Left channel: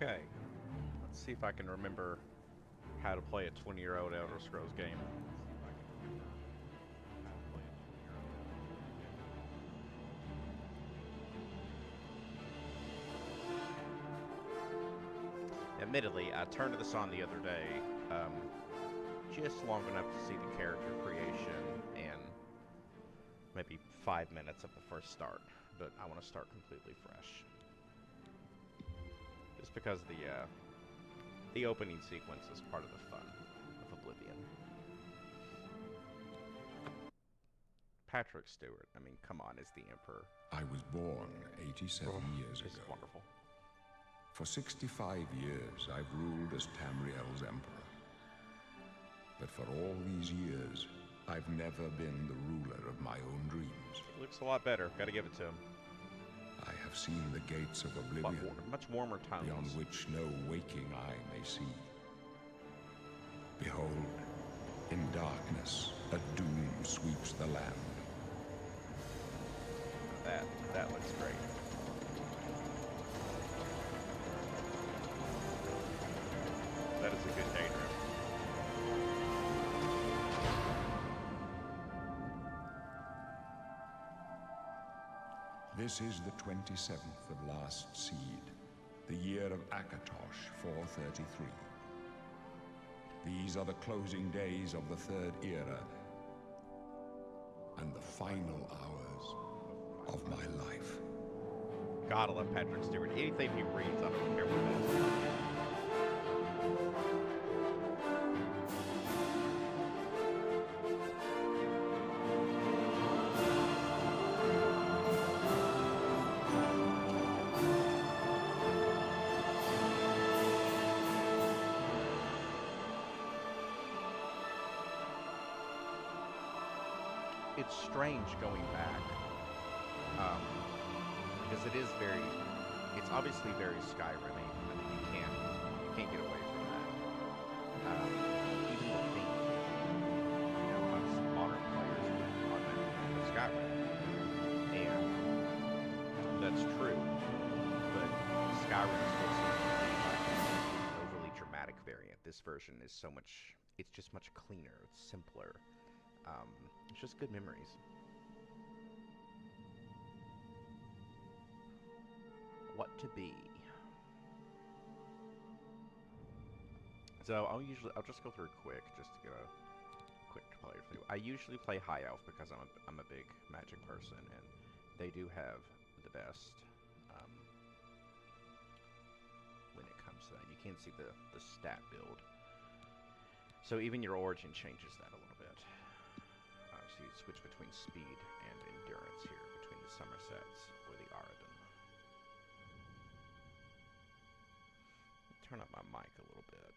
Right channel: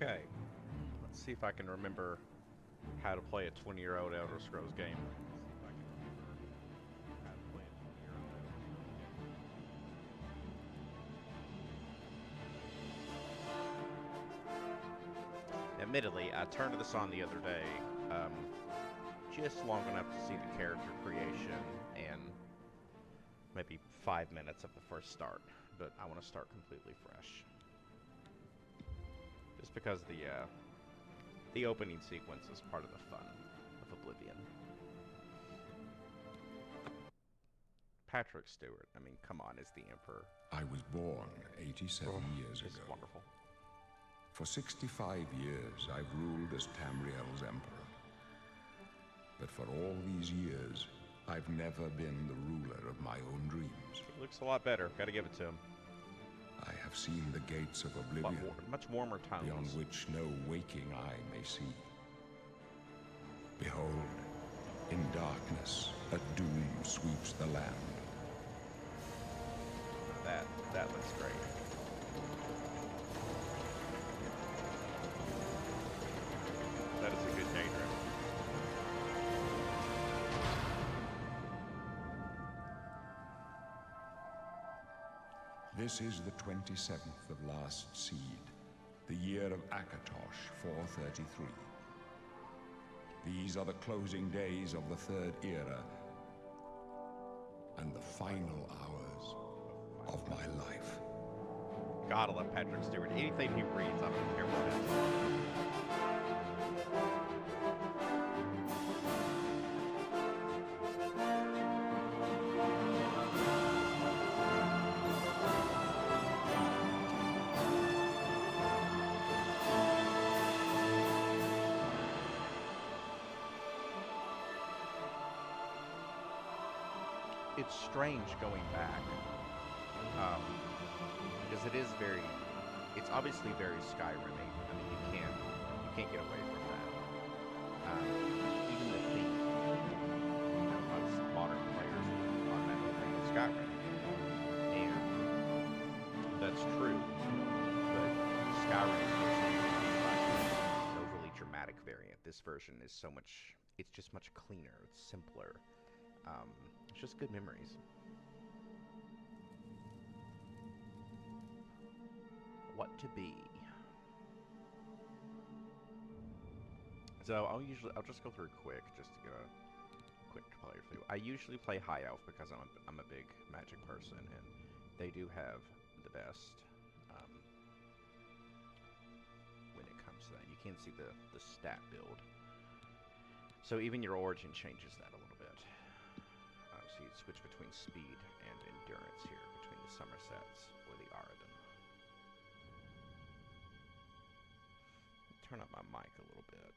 Okay, let's see if I can remember how to play a 20-year-old Elder Scrolls game. Let's see if I can remember how to play a 20-year-old Elder Scrolls game. Admittedly, I turned this on the other day, just long enough to see the character creation and maybe 5 minutes of the first start, but I want to start completely fresh. Just because the opening sequence is part of the fun of Oblivion. Patrick Stewart, I mean, come on, is the Emperor. I was born 87 years This ago. is wonderful. For 65 years, I've ruled as Tamriel's emperor. But for all these years, I've never been the ruler of my own dreams. It looks a lot better. Gotta give it to him. I have seen the gates of Oblivion, much warmer tones. beyond which no waking eye may see. Behold, in darkness, a doom sweeps the land. That looks great. That is a good daydream. This is the 27th of last seed, the year of Akatosh 433. These are the closing days of the Third Era and the final hours of my life. God, I love Patrick Stewart. Anything he reads, I don't care what it is. I love it. It's strange going back, because it's obviously very Skyrim-y. I mean, you can't get away from that. Even the theme, most modern players would automatically think of Skyrim, and that's true. But Skyrim still seems to be like an overly dramatic variant. This version is it's just much cleaner. It's simpler. It's just good memories. What to be? So I'll just go through quick just to get a quick player through. I usually play High Elf because I'm a big Magic person, and they do have the best when it comes to that. You can see the stat build. So even your origin changes that a little bit. So you switch between speed and endurance here, between the Somersets or the Aradin. Turn up my mic a little bit.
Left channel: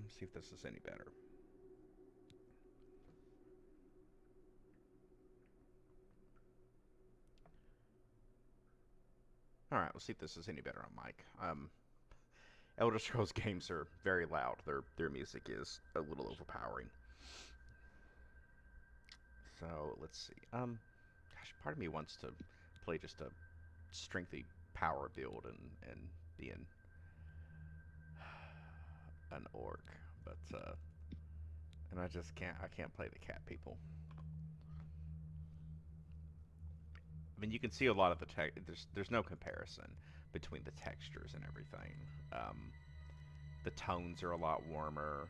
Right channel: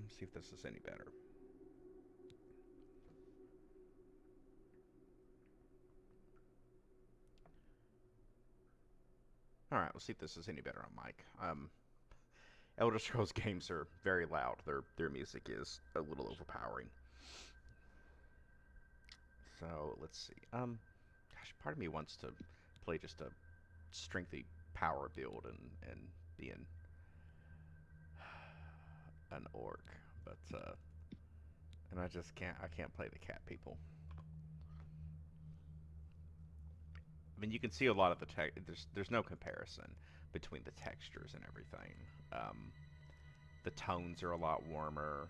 Let's see if this is any better. Alright, we'll see if this is any better on mic. Elder Scrolls games are very loud. Their music is a little overpowering. So let's see. Gosh, part of me wants to play just a strengthy power build and be an orc, but and I just can't. I can't play the cat people. I mean, you can see a lot of the tech. There's no comparison between the textures and everything. The tones are a lot warmer.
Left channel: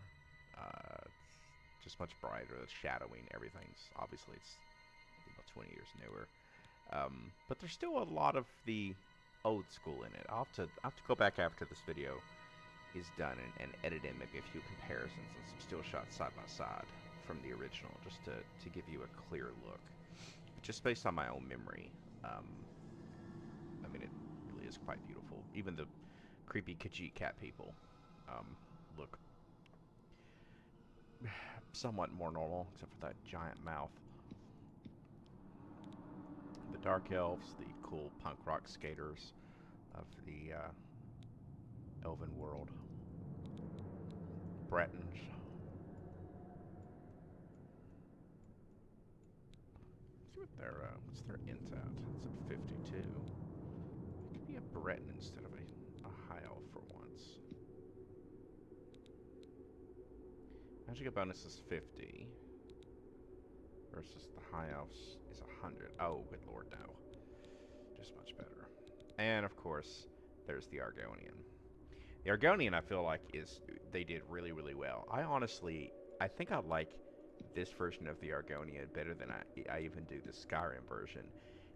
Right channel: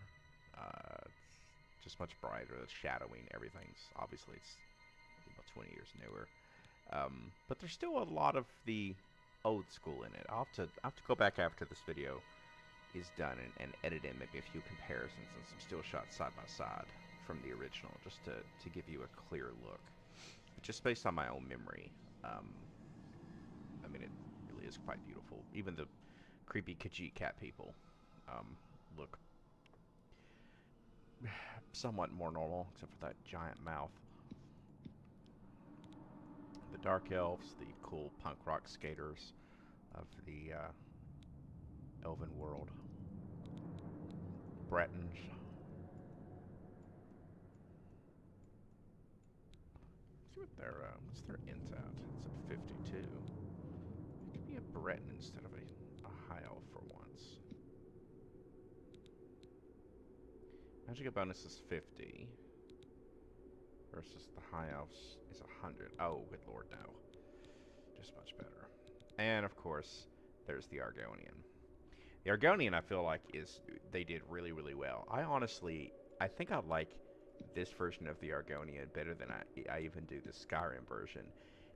It's just much brighter. The shadowing, everything's obviously it's 20 years newer. But there's still a lot of the old school in it. I'll have to go back after this video is done and edit in maybe a few comparisons and some still shots side by side from the original, just to give you a clear look. But just based on my own memory, I mean, it really is quite beautiful. Even the creepy Khajiit cat people look somewhat more normal, except for that giant mouth. The Dark Elves, the cool punk rock skaters of the Elven world. Bretons. See what their what's their int at? It's at 52. It could be a Breton instead of a high elf for once. Magic bonus is 50 versus the high elves is 100. Oh, good lord, no. Just much better. And of course, there's the Argonian. The Argonian, I feel like, they did really, really well. I think I like this version of the Argonian better than I even do the Skyrim version.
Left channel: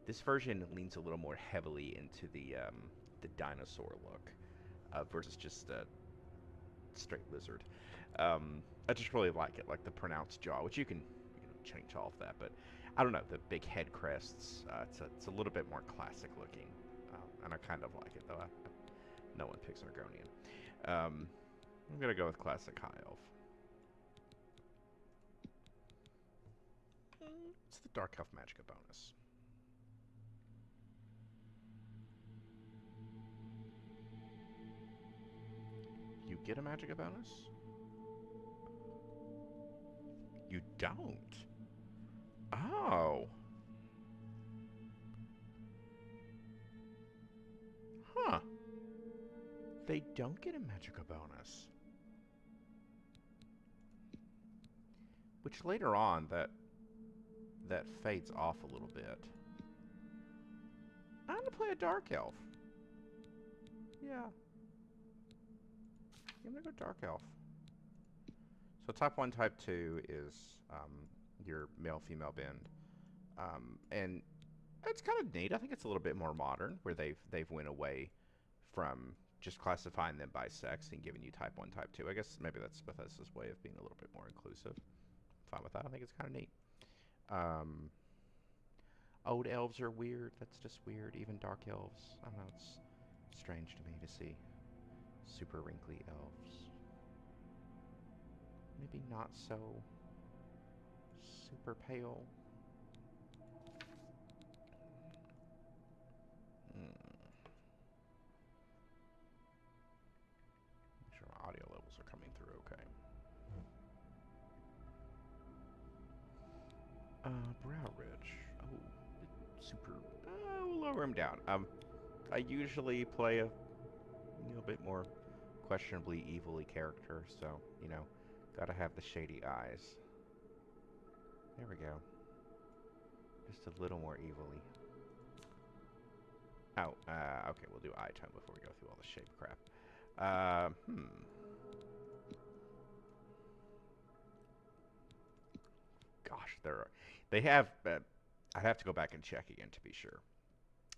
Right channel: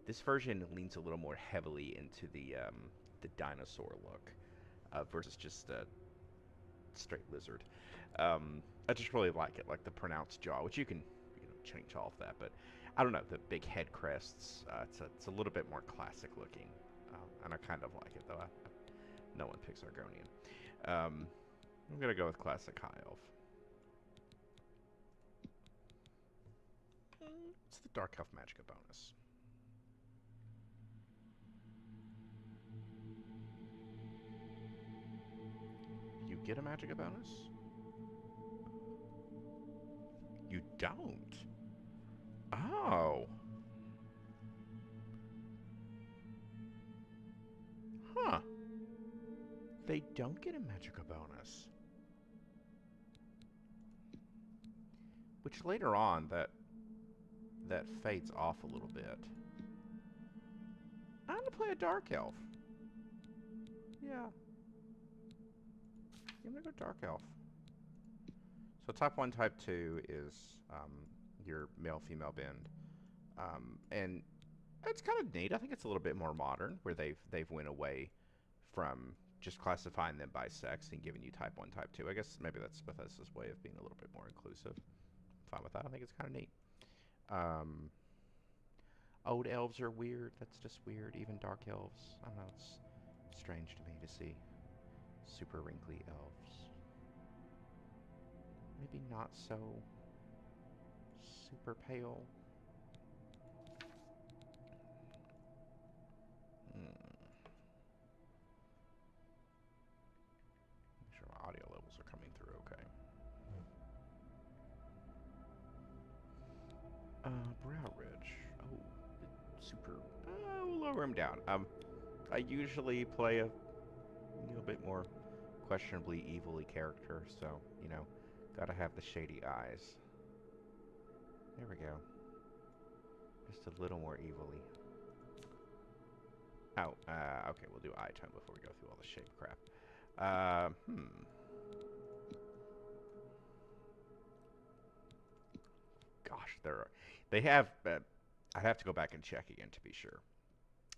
This version leans a little more heavily into the dinosaur look versus just a straight lizard. I just really like it, like the pronounced jaw, which you can change all of that. But I don't know, the big head crests. It's a little bit more classic looking, and I kind of like it though. No one picks Argonian. I'm gonna go with classic high elf. It's the dark elf magicka bonus. You get a magicka bonus? You don't. Oh. Huh. They don't get a magicka bonus. Which later on, that fades off a little bit. I'm gonna play a dark elf. Yeah. I'm gonna go dark elf. So type 1, type 2 is your male-female bend. And it's kind of neat. I think it's a little bit more modern, where they've went away from just classifying them by sex and giving you type 1, type 2. I guess maybe that's Bethesda's way of being a little bit more inclusive. I'm fine with that. I think it's kind of neat. Old elves are weird. That's just weird. Even dark elves. I don't know. It's strange to me to see super wrinkly elves. Maybe not so super pale. Make sure my audio levels are coming through okay. Brow Ridge. Oh, super. We'll lower him down. I usually play a little bit more questionably evilly character, so, gotta have the shady eyes. There we go. Just a little more evilly. Oh, okay, we'll do eye tone before we go through all the shape crap. Gosh, they have, I'd have to go back and check again to be sure.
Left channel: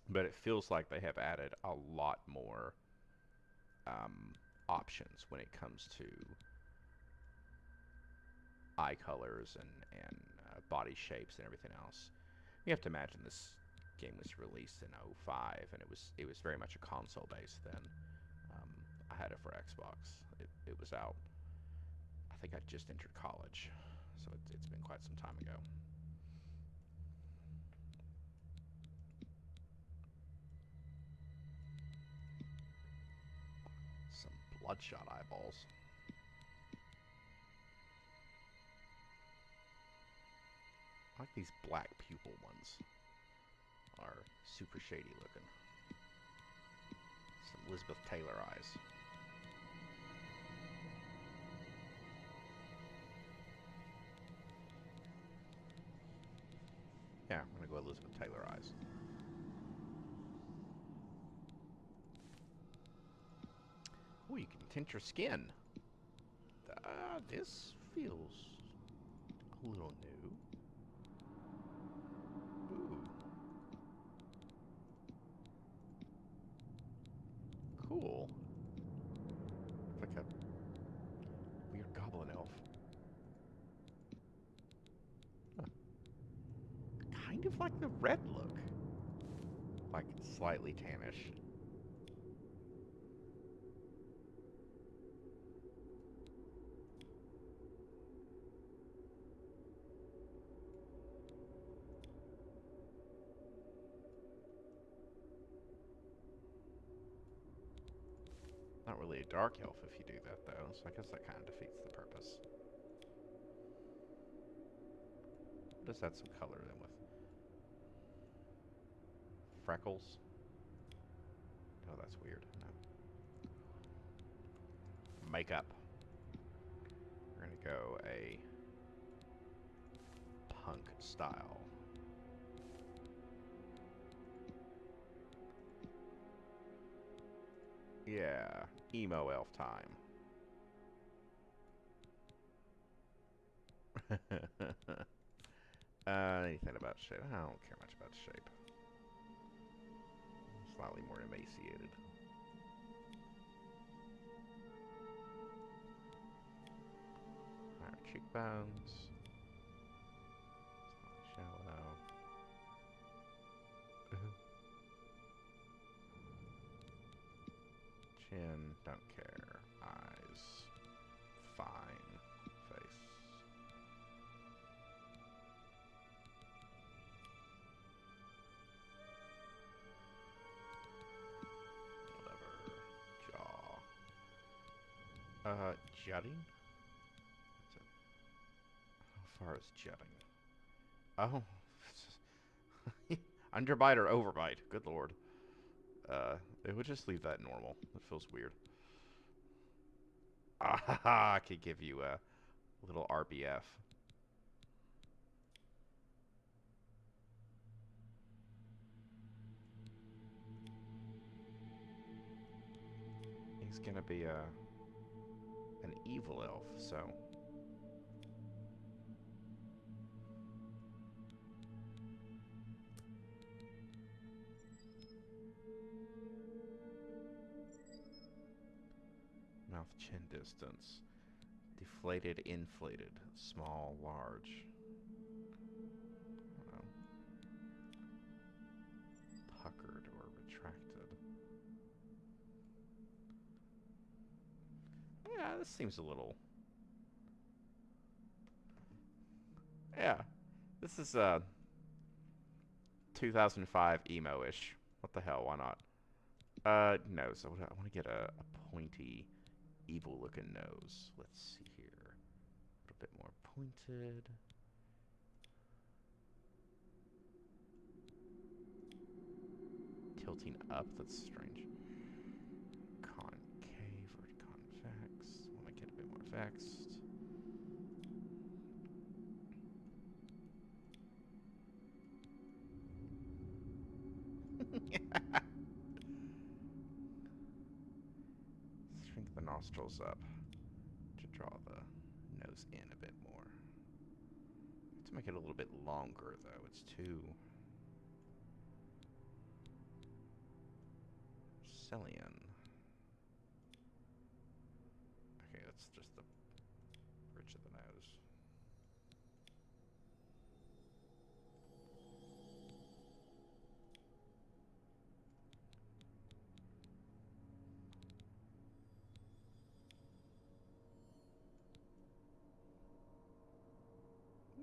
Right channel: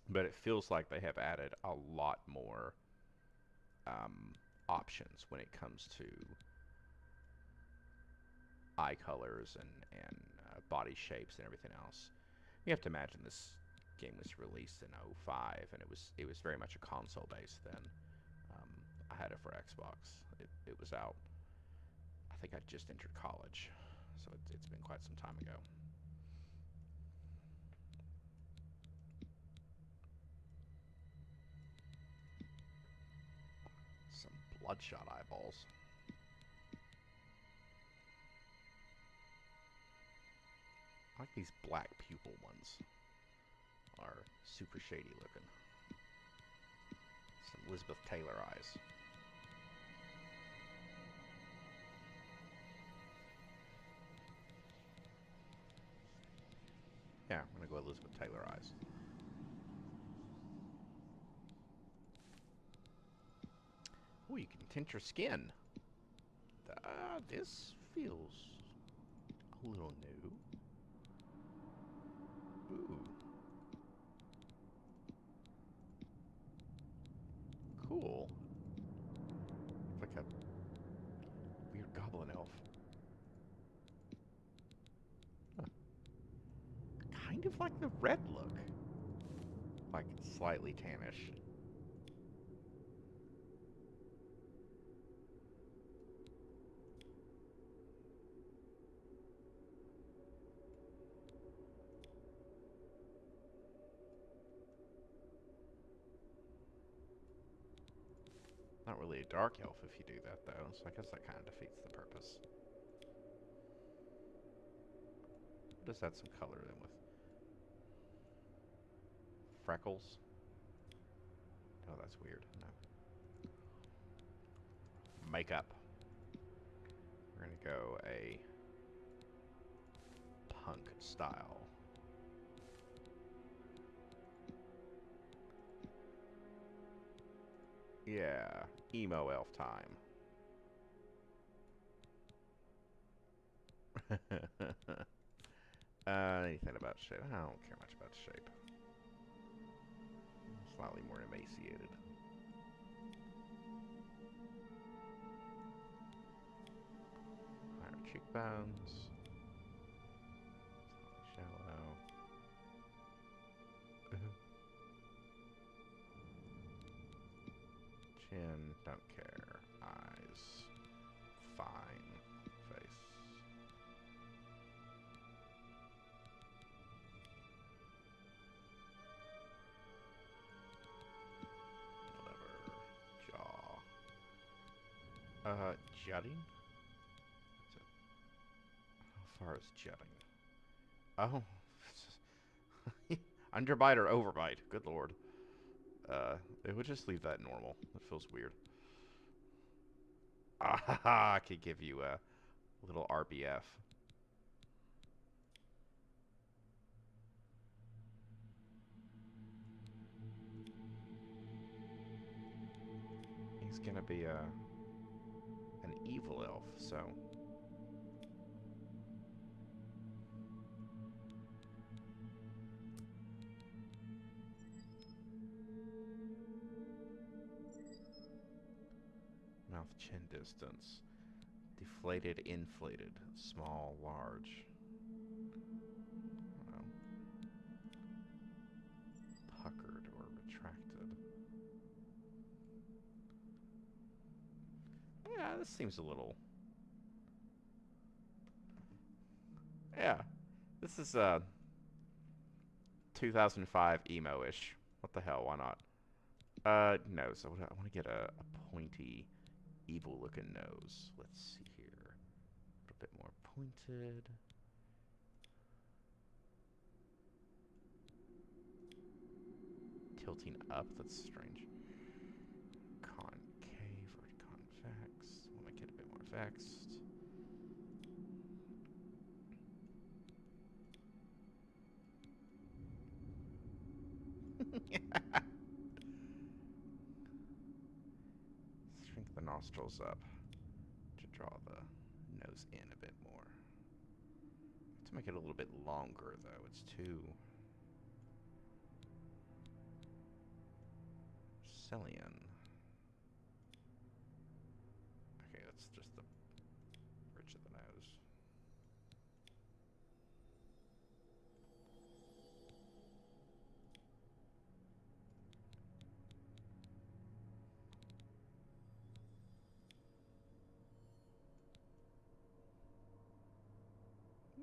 But it feels like they have added a lot more options when it comes to eye colors and body shapes and everything else. You have to imagine this game was released in '05, and it was very much a console base then. I had it for Xbox. It was out. I think I just entered college, so it's been quite some time ago. Some bloodshot eyeballs. I like these black pupil ones. Are super shady looking. Some Elizabeth Taylor eyes. Yeah, I'm gonna go Elizabeth Taylor eyes. Oh, you can tint your skin. This feels a little new. Ooh. Cool. Looks like a weird goblin elf. Huh. Kind of like the red look. Like slightly tannish. Not really a dark elf if you do that, though, so I guess that kind of defeats the purpose. Just add some color in with freckles. Oh, that's weird. No. Makeup. We're gonna go a punk style. Yeah, emo elf time. Anything about shape? I don't care much about shape. Slightly more emaciated. Higher cheekbones. Slightly shallow. Chin, don't care. Eyes, fine. Face. Whatever. Jaw. Jutting? How far is jutting? Oh. Underbite or overbite? Good lord. It would just leave that normal. It feels weird. Ah, I could give you a little RBF. He's gonna be an evil elf, so mouth chin distance. Deflated, inflated, small, large. I don't know. Puckered or retracted. Yeah, this seems a little. Yeah, this is 2005 emo-ish. What the hell? Why not? Nose. I want to get a pointy, evil-looking nose. Let's see here. A little bit more pointed. Tilting up. That's strange. Concave or convex. Want to get a bit more vexed. Shrink the nostrils up to draw the nose in a bit more. To make it a little bit longer, though. It's too Cillian. Okay, that's just the bridge of the nose.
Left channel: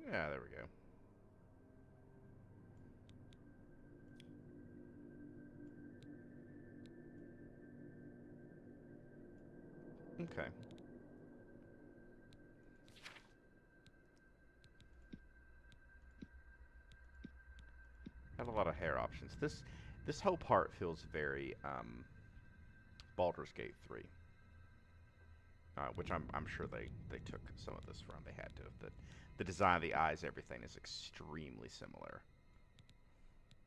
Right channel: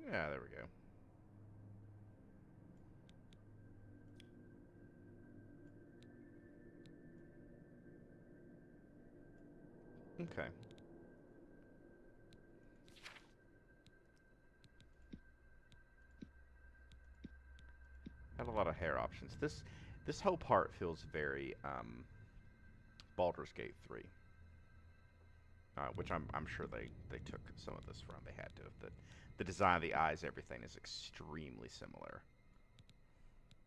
Yeah, there we go. Okay. Got a lot of hair options. This whole part feels very Baldur's Gate 3. Which I'm sure they took some of this from. They had to. The design of the eyes, everything is extremely similar.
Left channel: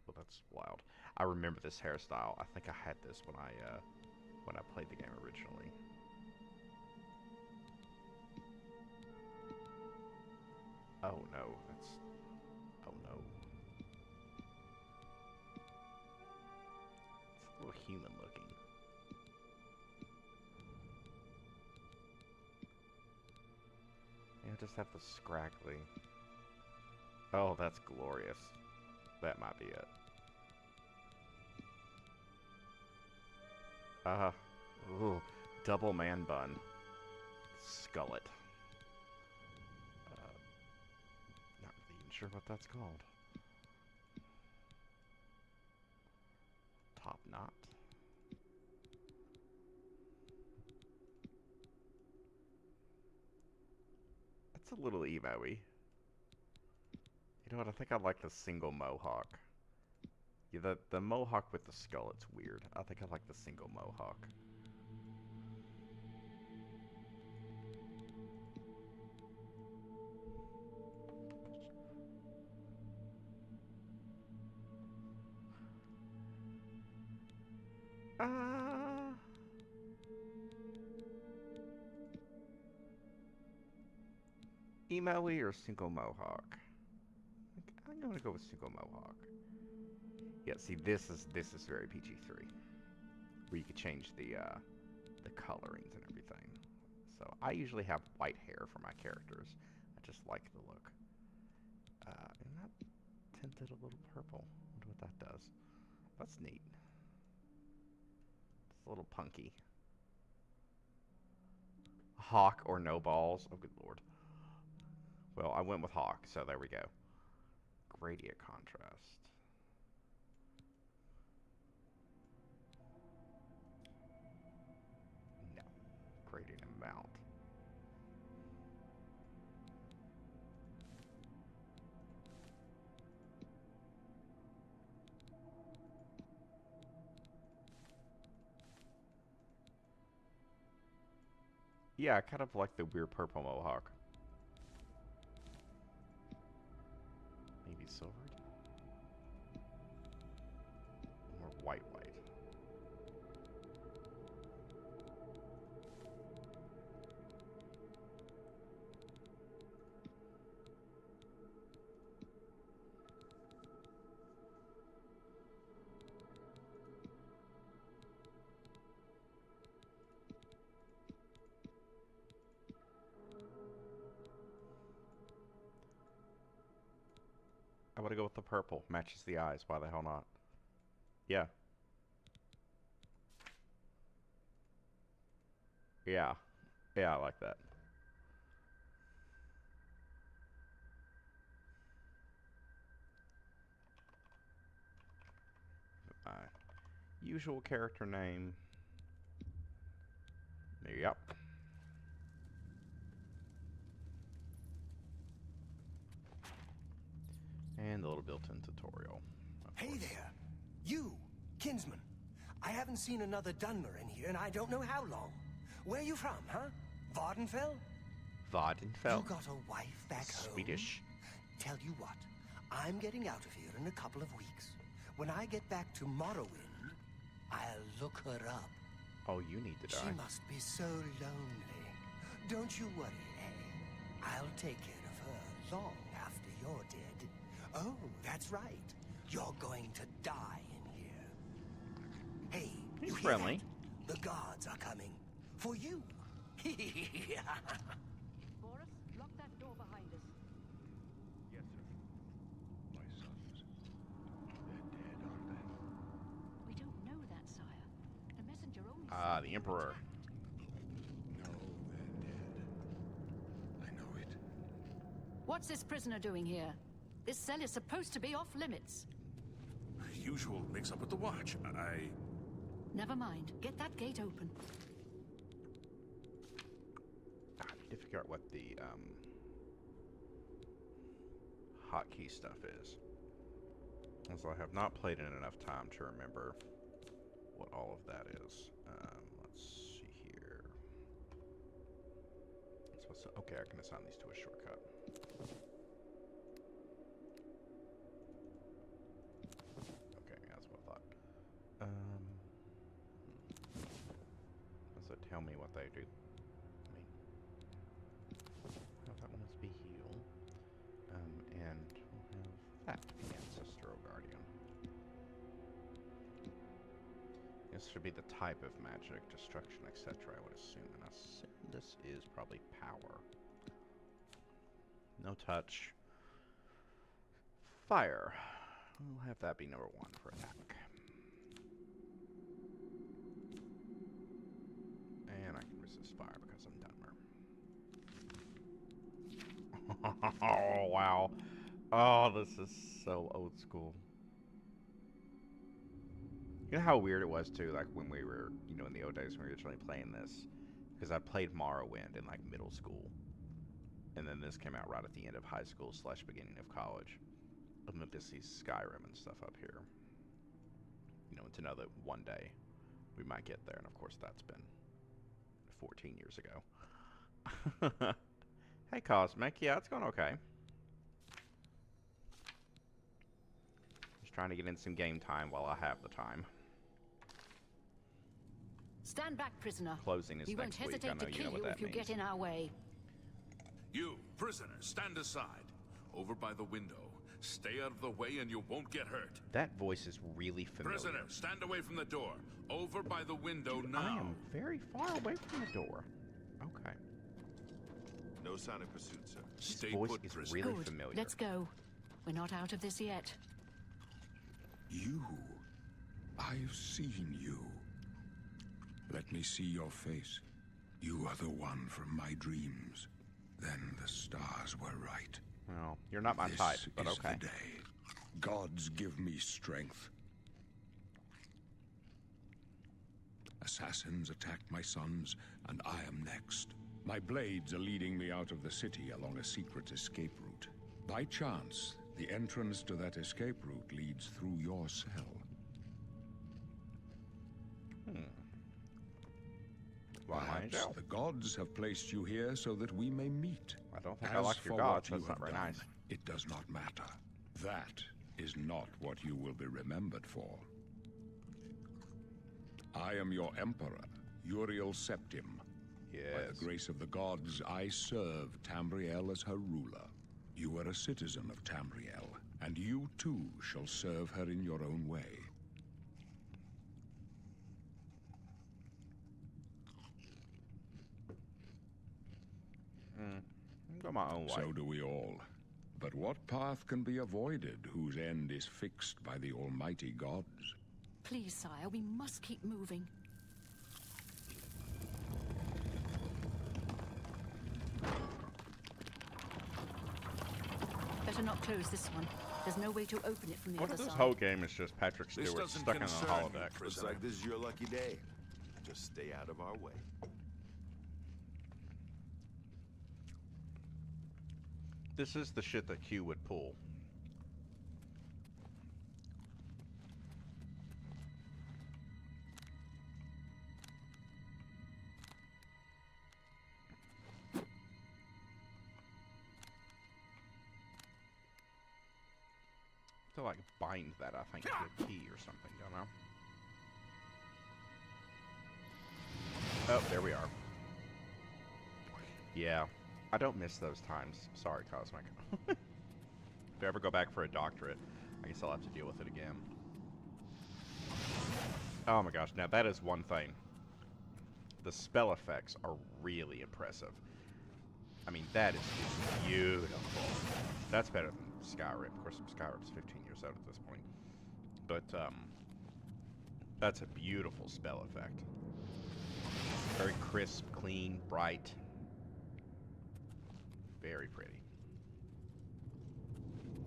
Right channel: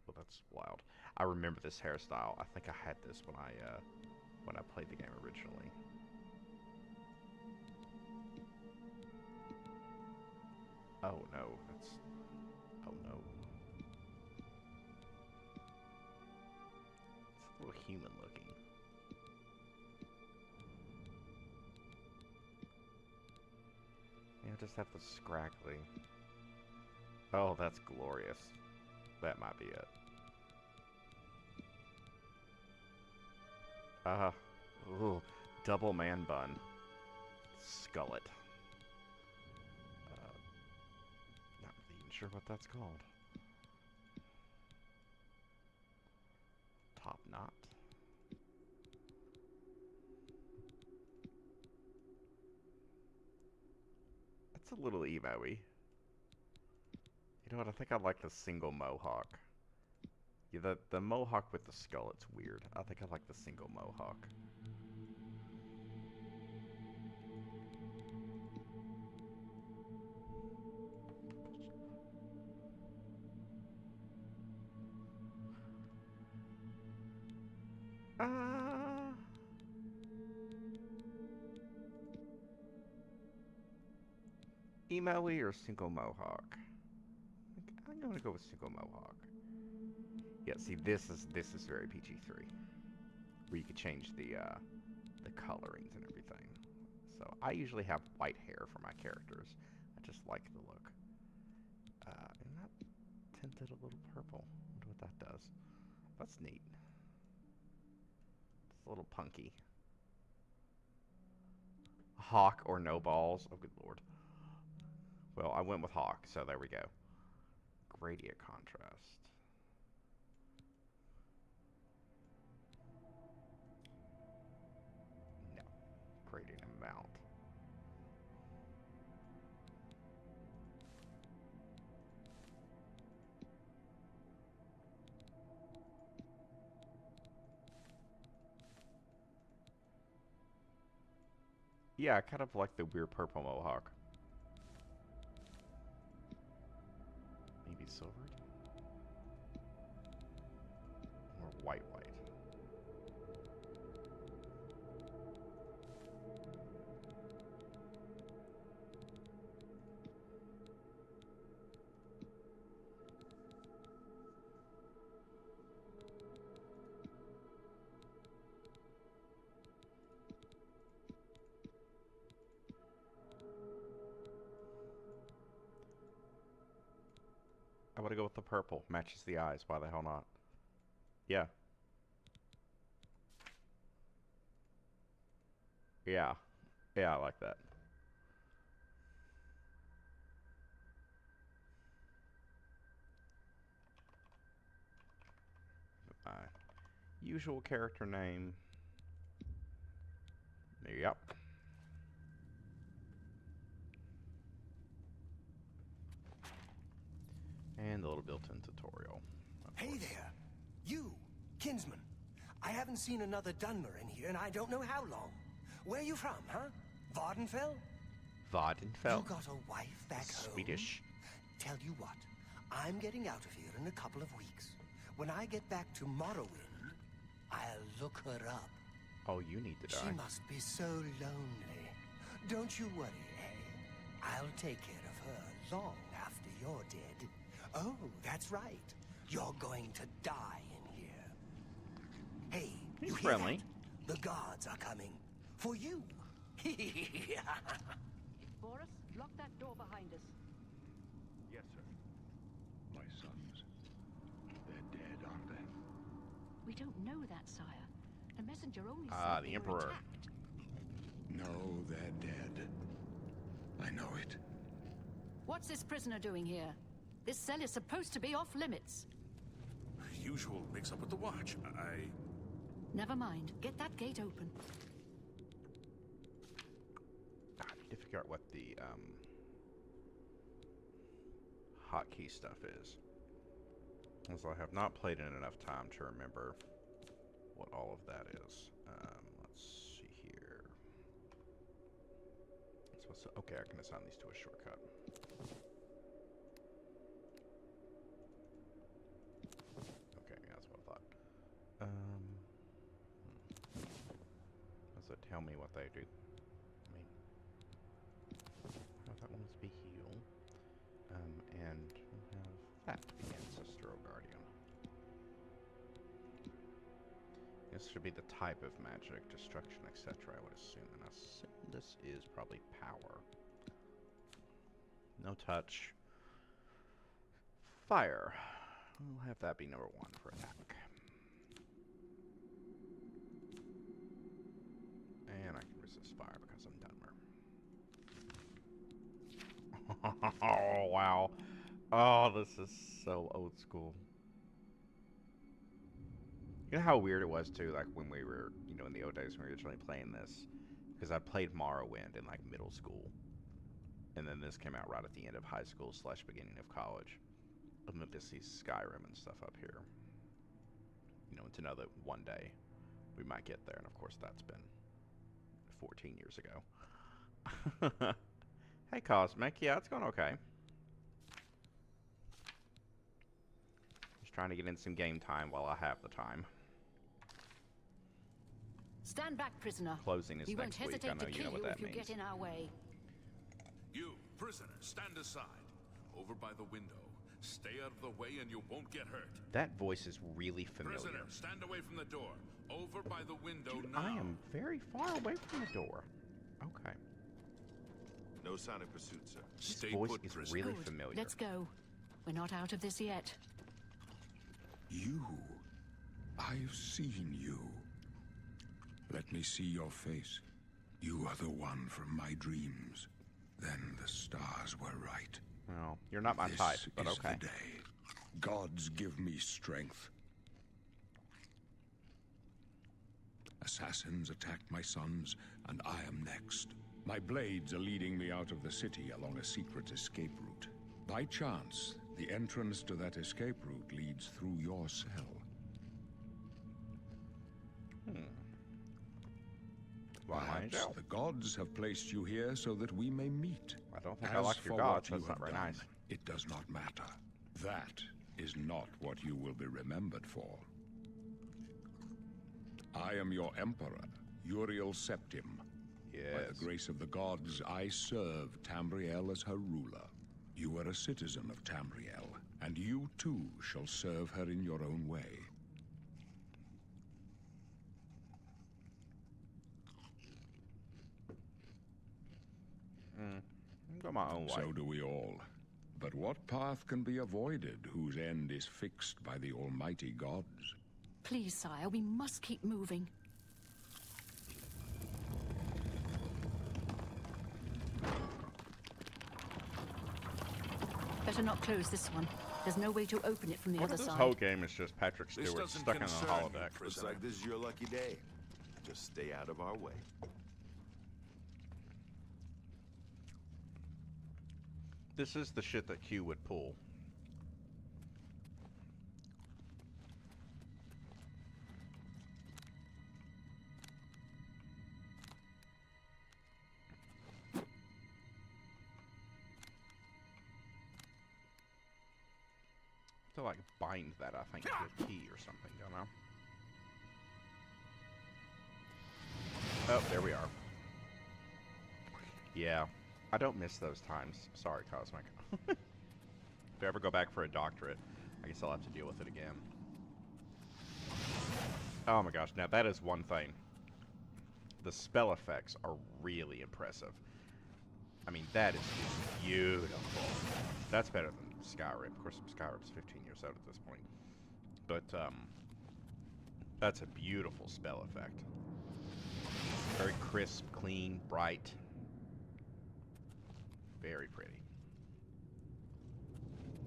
Well, that's wild. I remember this hairstyle. I think I had this when I played the game originally. Oh no, that's oh no. It's a little human looking. Yeah, just have the scraggly. Oh, that's glorious. That might be it. Ooh, double man bun. Skullet. Not really even sure what that's called. Top knot. That's a little emo-y. You know what? I think I like the single mohawk. Yeah, the mohawk with the skull, it's weird. I think I like the single mohawk. Uh, emo-y or single mohawk? I'm gonna go with single mohawk. Yeah, see, this is very PG-3, where you could change the colorings and everything. So I usually have white hair for my characters. I just like the look. And that tinted a little purple. Wonder what that does. That's neat. It's a little punky. Hawk or no balls? Oh, good lord. Well, I went with Hawk, so there we go. Gradient contrast. No. Gradient amount. Yeah, I kind of like the weird purple mohawk. Maybe silvered? Or white white. I want to go with the purple. Matches the eyes. Why the hell not? Yeah. Yeah. Yeah, I like that. My usual character name. Yep. And a little built-in tutorial. Hey there! You, kinsman. I haven't seen another Dunmer in here and I don't know how long. Where you from, huh? Vardenfell? Vardenfell. You got a wife back home? Swedish. Tell you what, I'm getting out of here in a couple of weeks. When I get back to Morrowind, I'll look her up. Oh, you need to die. She must be so lonely. Don't you worry, eh? I'll take care of her long after you're dead. Oh, that's right. You're going to die in here. Hey, He's you hear friendly. that? The guards are coming. For you. Boris, lock that door behind us. Yes, sir. My sons. They're dead, aren't they? We don't know that, sire. A messenger only Ah, said the they were Emperor. attacked. No, they're dead. I know it. What's this prisoner doing here? This cell is supposed to be off limits. Usual mix-up with the watch. Never mind. Get that gate open. I need to figure out what the hotkey stuff is, as I have not played in enough time to remember what all of that is. Let's see here. Okay, I can assign these to a shortcut. Okay, that's what I thought. Does it tell me what they do? I mean, that one must be heal. And we'll have that to be Ancestral Guardian. This should be the type of magic, destruction, etc. I would assume, and I assume this is probably power. No touch. Fire. We'll have that be number 1 for attack. And I can resist fire because I'm Dunmer. Oh, wow. Oh, this is so old school. You know how weird it was, too, like, when we were, you know, in the old days when we were originally playing this? Because I played Morrowind in, like, middle school. And then this came out right at the end of high school / beginning of college. And then this sees Skyrim and stuff up here. you know, to know that one day we might get there. And of course, that's been 14 years ago. Hey, Cosmic. Yeah, it's going okay. Just trying to get in some game time while I have the time. Stand back, prisoner. Closing is We won't next week. I hesitate know to you know kill what you that if you means. get in our way. You, prisoner, stand aside. Over by the window. Stay out of the way and you won't get hurt. That voice is really familiar. Prisoner, stand away from the door. Over by the window Dude, now. I am very far away from the door. Okay. No sign of pursuit, sir. This Stay voice put, is prisoner. really Good. familiar. Let's go. We're not out of this yet. You. I've seen you. Let me see your face. You are the one from my dreams. Then the stars were right. Well, you're not my This type, but is okay. the day. Gods give me strength. Assassins attacked my sons, and I am next. My blades are leading me out of the city along a secret escape route. By chance, the entrance to that escape route leads through your cell. Why am I in Perhaps jail? the gods have placed you here so that we may meet. I don't think I As like your for gods. what you That's not have very done, nice. it does not matter. That is not what you will be remembered for. I am your emperor, Uriel Septim. By Yes. the grace of the gods, I serve Tamriel as her ruler. You are a citizen of Tamriel, and you too shall serve her in your own way. Go my own way. So do we all. But what path can be avoided whose end is fixed by the almighty gods? Please, sire, we must keep moving. Better not close this one. There's no way to open it from the What other if this side. whole game is just Patrick This Stewart doesn't stuck in a concern holodeck? you, Looks prisoner. like this is your lucky day. Just stay out of our way. This is the shit that Q would pull. To like bind that, I think, to a key or something, don't know. Oh, there we are. Yeah, I don't miss those times. Sorry, Cosmic. If I ever go back for a doctorate, I guess I'll have to deal with it again. Oh my gosh, now that is one thing. The spell effects are really impressive. I mean, that is just beautiful. That's better than Skyrim. Of course, Skyrim's 15 years out at this point. But, that's a beautiful spell effect. Very crisp, clean, bright. Very pretty.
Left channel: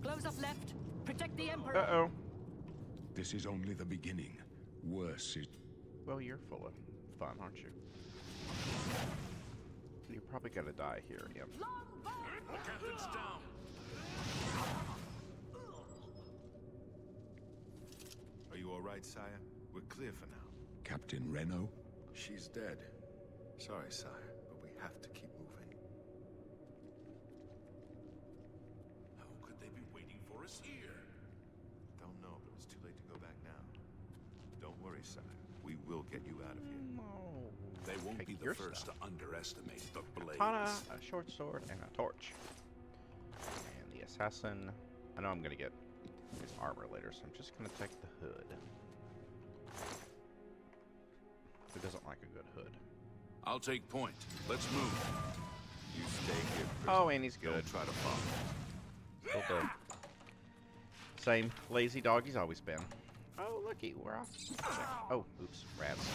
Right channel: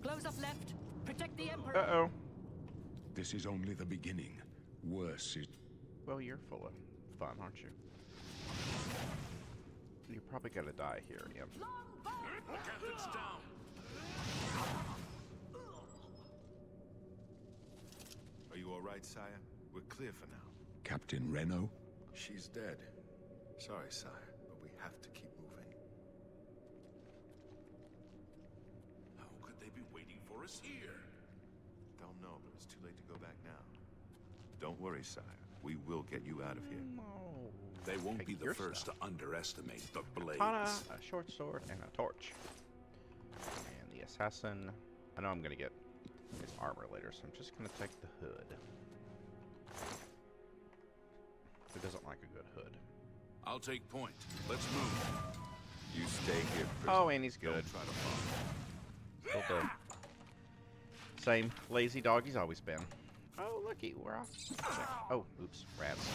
Close up left. Protect the Emperor. Uh-oh. This is only the beginning. Worse is... Well, you're full of fun, aren't you? You're probably gonna die here, Imp. Captain's down. Are you all right, sire? We're clear for now. Captain Reno? She's dead. Sorry, sire, but we have to keep moving. How could they be waiting for us here? Don't know, but it's too late to go back now. Don't worry, sire. We will get you out of here. No. They won't Take be the your first stuff. to underestimate the blades. Katana, a short sword, and a torch. And the assassin. I know I'm gonna get his armor later, so I'm just gonna take the hood. Who doesn't like a good hood? I'll take point. Let's move. You stay here, prisoner. Oh, and he's good. Don't try to follow. Still the same lazy dog he's always been. Oh, looky, we're off. Oh, oops, rats.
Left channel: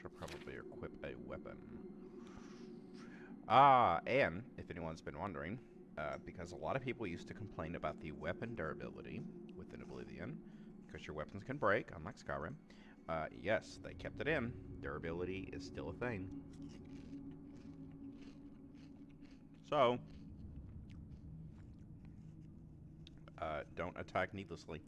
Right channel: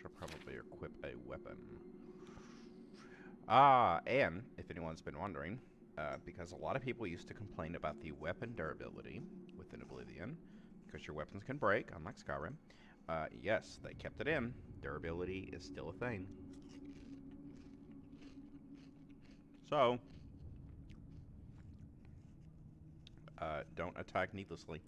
Should probably equip a weapon. Ah, and if anyone's been wondering, because a lot of people used to complain about the weapon durability within Oblivion, because your weapons can break, unlike Skyrim. Yes, they kept it in. Durability is still a thing. So, Don't attack needlessly.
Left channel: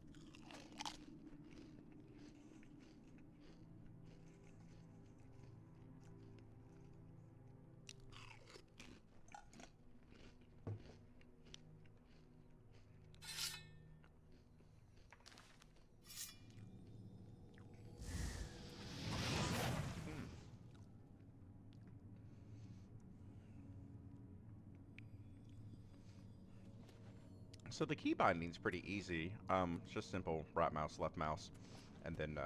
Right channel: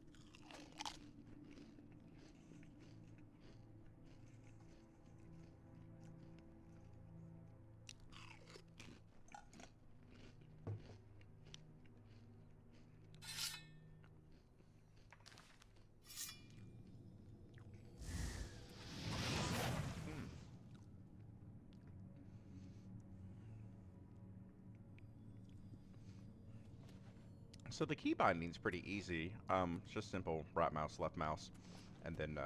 So the key binding's pretty easy. It's just simple right mouse, left mouse, and then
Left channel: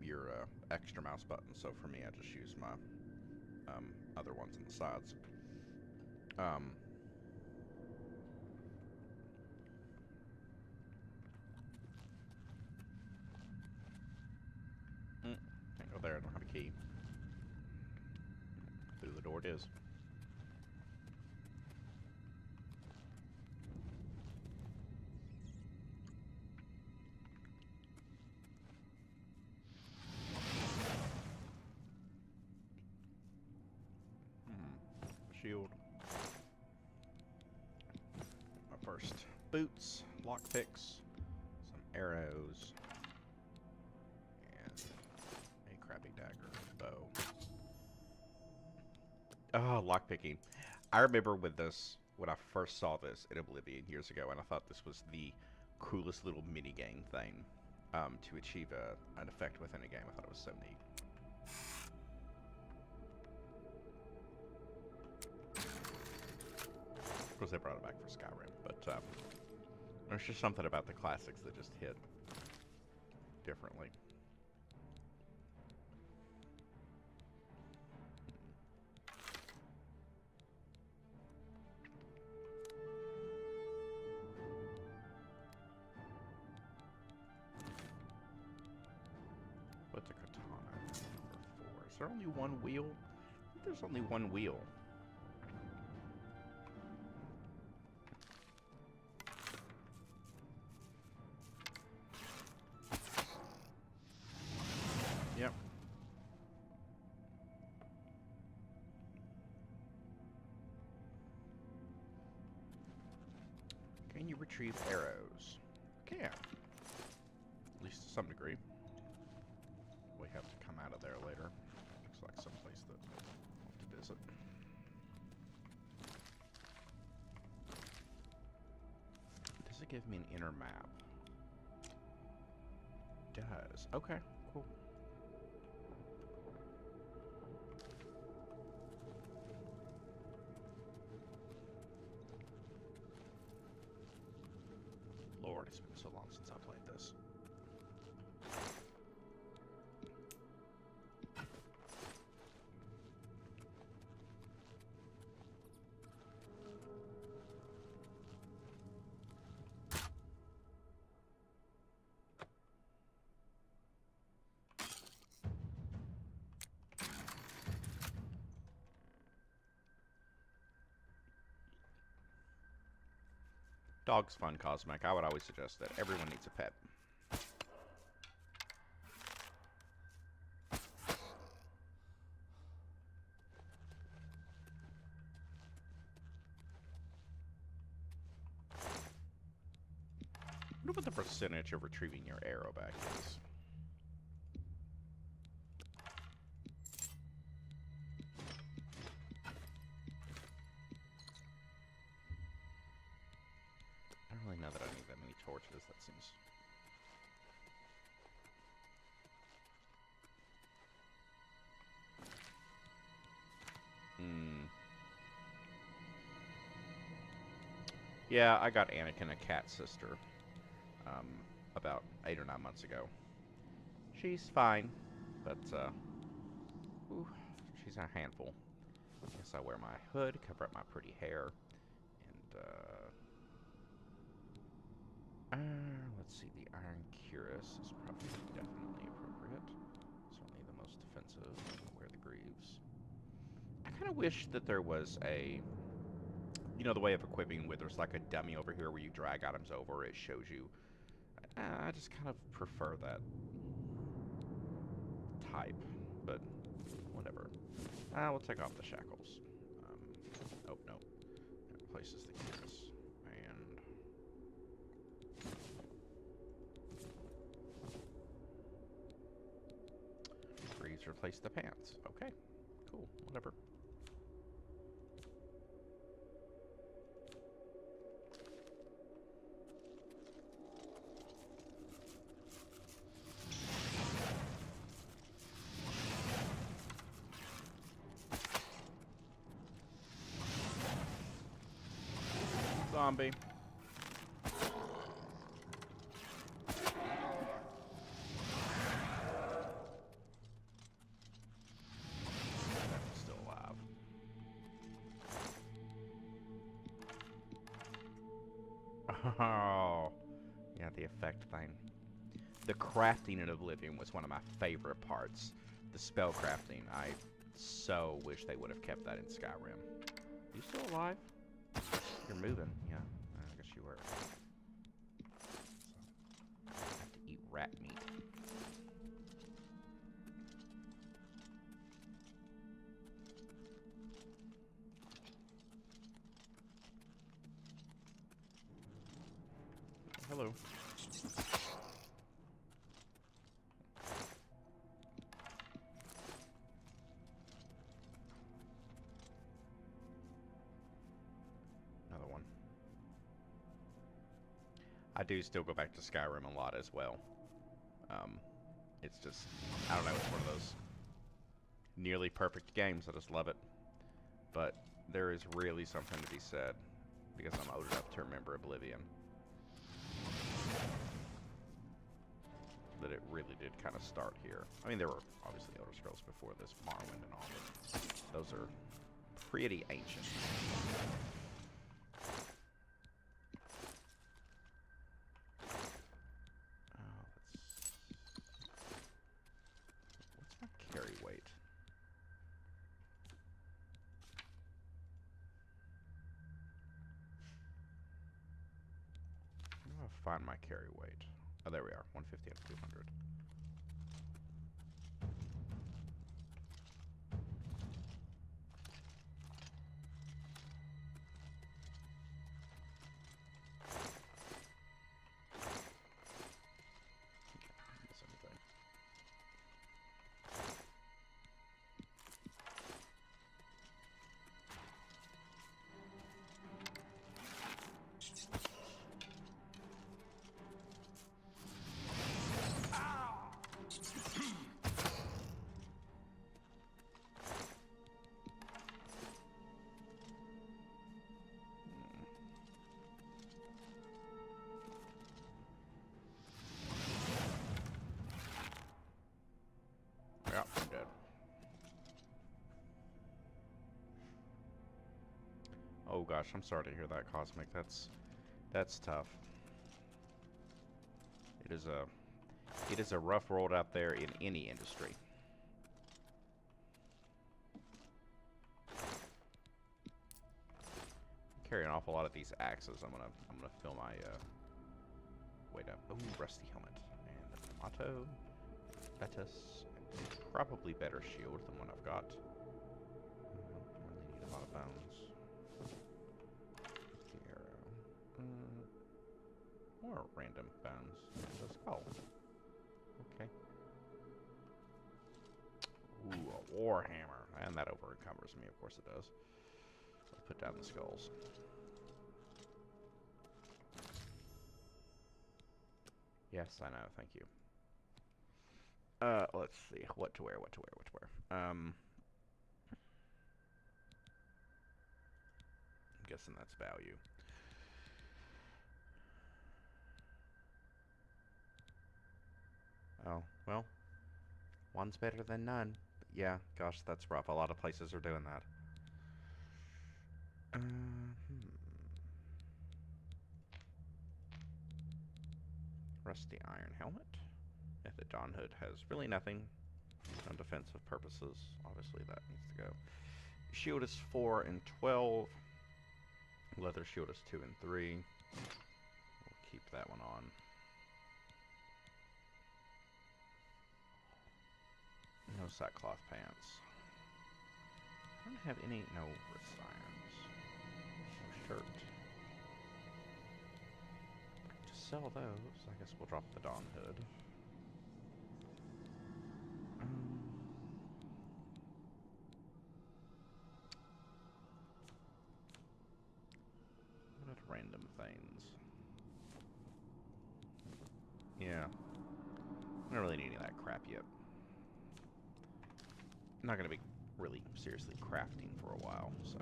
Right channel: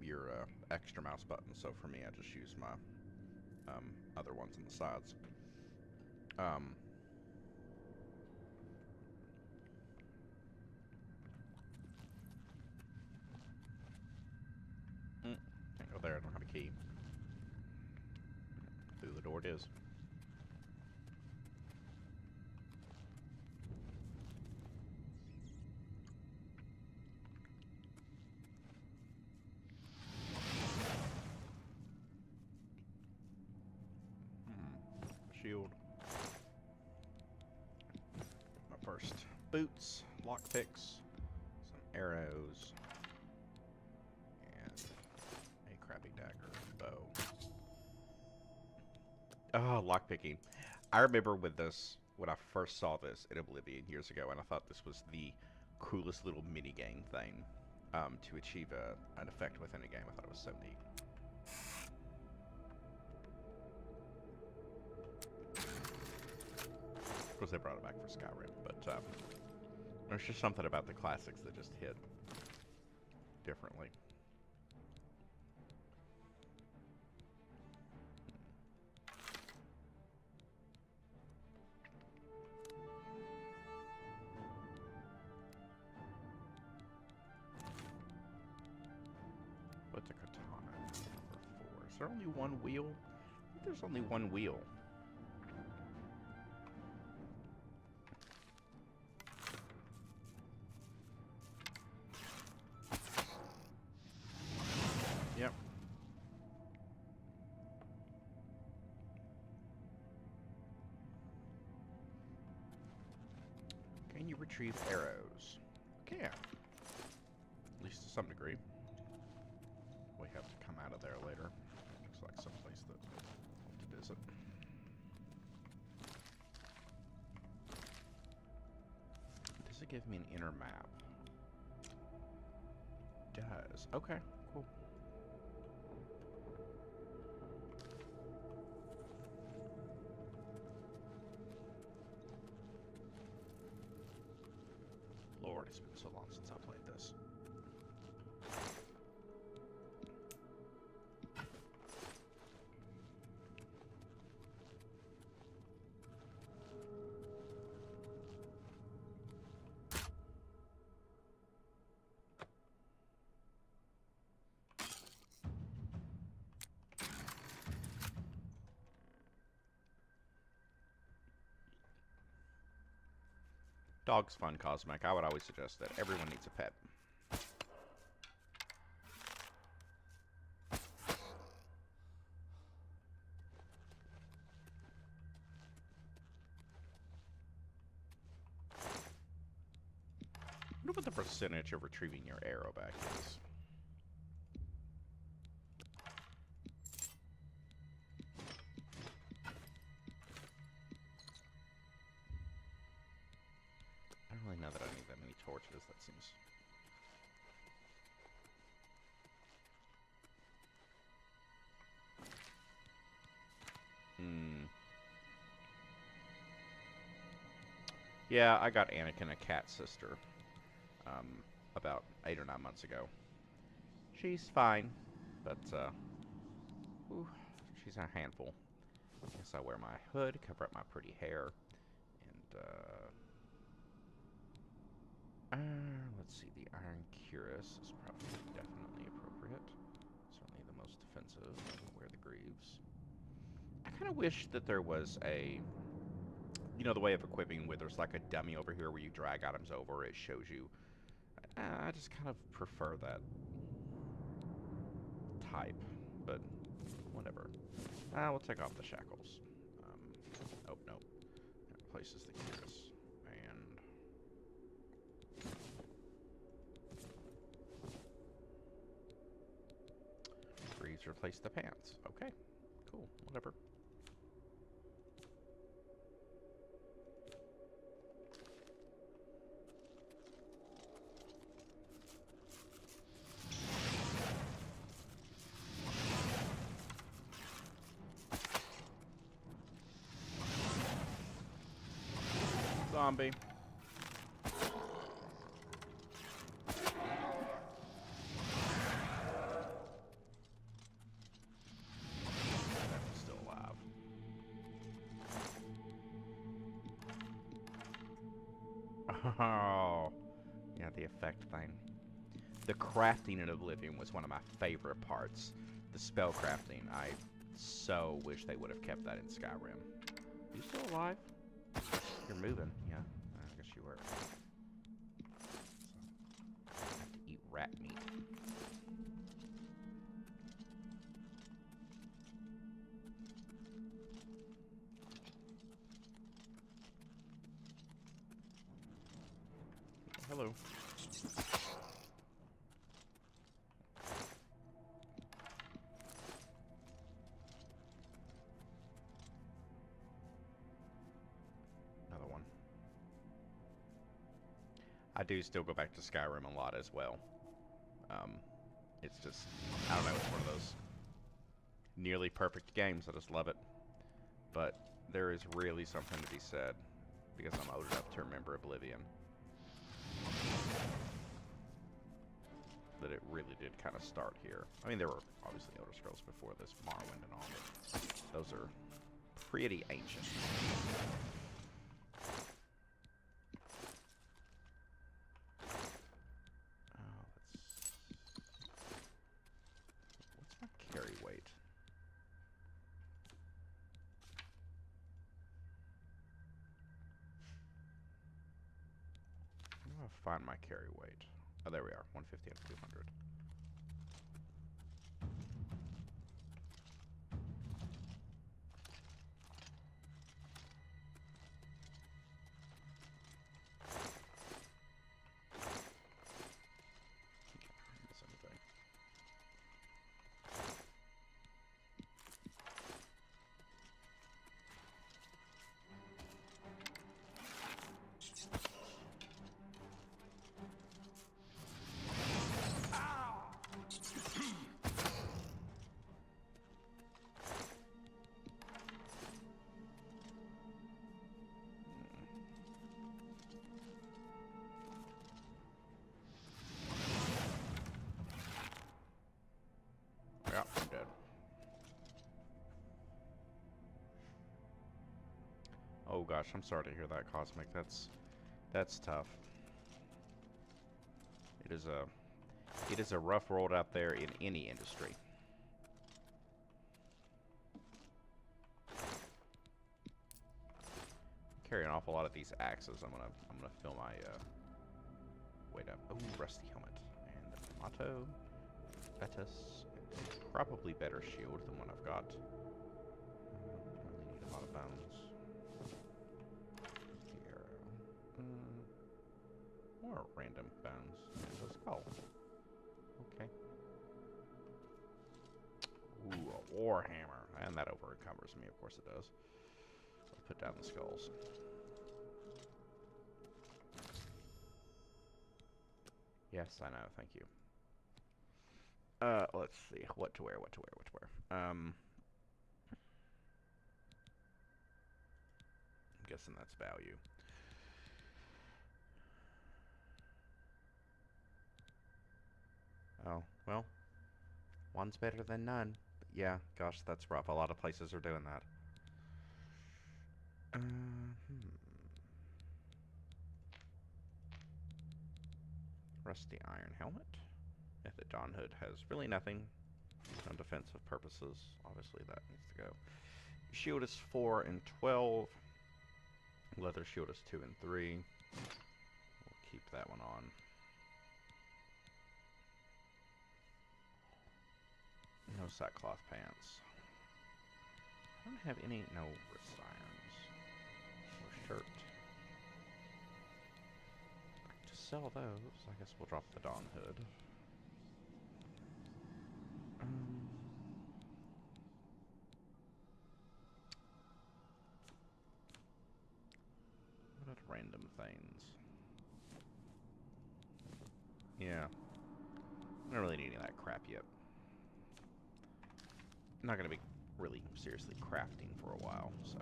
your extra mouse button. So for me, I just use my other ones on the sides. Um, Can't go there. I don't have a key. Through the door it is. Shield. My first boots, lockpicks, some arrows, and a crappy dagger bow. Oh, lockpicking. I remember with this, when I first saw this in Oblivion years ago, and I thought this was the coolest little mini-game thing to achieve an effect within a game. I thought it was so neat. Of course, they brought it back for Skyrim, but there's just something about the classics that just hit differently. What's a katana? Number 4. Is there only one wheel? I think there's only one wheel. Yep. Can you retrieve arrows? Can. At least to some degree. We have to come out of there later. Looks like someplace that we'll have to visit. Does it give me an inner map? It does. Okay, cool. Lord, it's been so long since I played this. Dog's fun, Cosmic. I would always suggest that everyone needs a pet. I wonder what the percentage of retrieving your arrow back is. I don't really know that I need that many torches. That seems... Yeah, I got Anakin a cat sister about 8 or 9 months ago. She's fine, but ooh, she's a handful. I guess I wear my hood, cover up my pretty hair, and let's see, the Iron Cuirass is probably definitely appropriate. Certainly the most defensive. I'll wear the greaves. I kind of wish that there was a, you know, the way of equipping where there's like a dummy over here where you drag items over, it shows you. I just kind of prefer that type, but whatever. We'll take off the shackles. Oh, no. That replaces the cuirass. And replace the pants. Okay, cool, whatever. Zombie. Still alive. Oh, yeah, the effect thing. The crafting in Oblivion was one of my favorite parts. The spell crafting. I so wish they would have kept that in Skyrim. You still alive? You're moving, yeah. I guess you were. So, I have to eat rat meat. Hello. Another one. I do still go back to Skyrim a lot as well. It's just, I don't know, it's one of those nearly perfect games. I just love it. But there is really something to be said, because I'm old enough to remember Oblivion, that it really did kind of start here. I mean, there were obviously Elder Scrolls before this, Morrowind and all, but those are pretty ancient. What's my carry weight? Where do I find my carry weight? Oh, there we are, 150 out of 200. Miss anything. Yeah, I'm dead. Oh gosh, I'm sorry to hear that, Cosmic. That's tough. It is a rough world out there in any industry. I carry an awful lot of these axes. I'm gonna fill my weight up. Ooh, rusty helmet and the tomato, Betis, and probably better shield than what I've got. I don't really need a lot of bones. The arrow. More random bones. And a skull. Okay. Ooh, a warhammer. And that over encumbers me, of course it does. Let's put down the skulls. Yes, I know, thank you. Let's see. What to wear. I'm guessing that's value. Oh, well. One's better than none. But yeah, gosh, that's rough. A lot of places are doing that. Rusty iron helmet. Yeah, the Dawn Hood has really nothing on defensive purposes. Obviously, that needs to go. Shield is 4 and 12. Leather shield is 2 and 3. We'll keep that one on. No sackcloth pants. I don't have any. No wrist irons. No shirt. To sell those, I guess we'll drop the Dawn Hood. random things. Yeah. I don't really need any of that crap yet. I'm not going to be really seriously crafting for a while, so...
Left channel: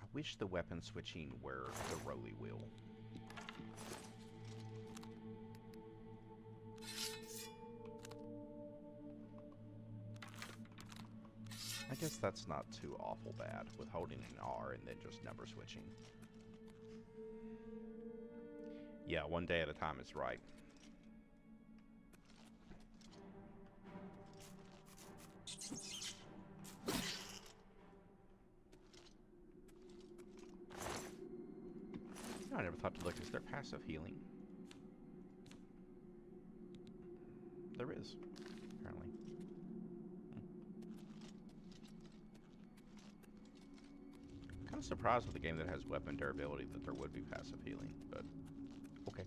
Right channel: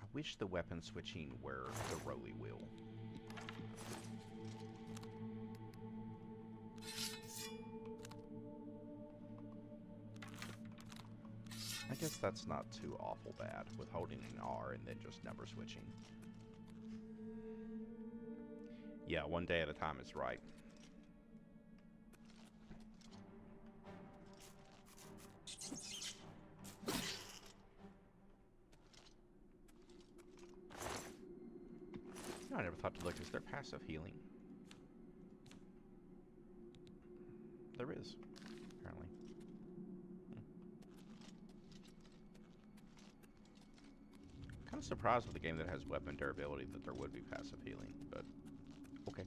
I wish the weapon switching were the rolly wheel. I guess that's not too awful bad with holding an R and then just number switching. Yeah, one day at a time is right. I never thought to look. Is there passive healing? There is, apparently. Kind of surprised with a game that has weapon durability that there would be passive healing, but okay.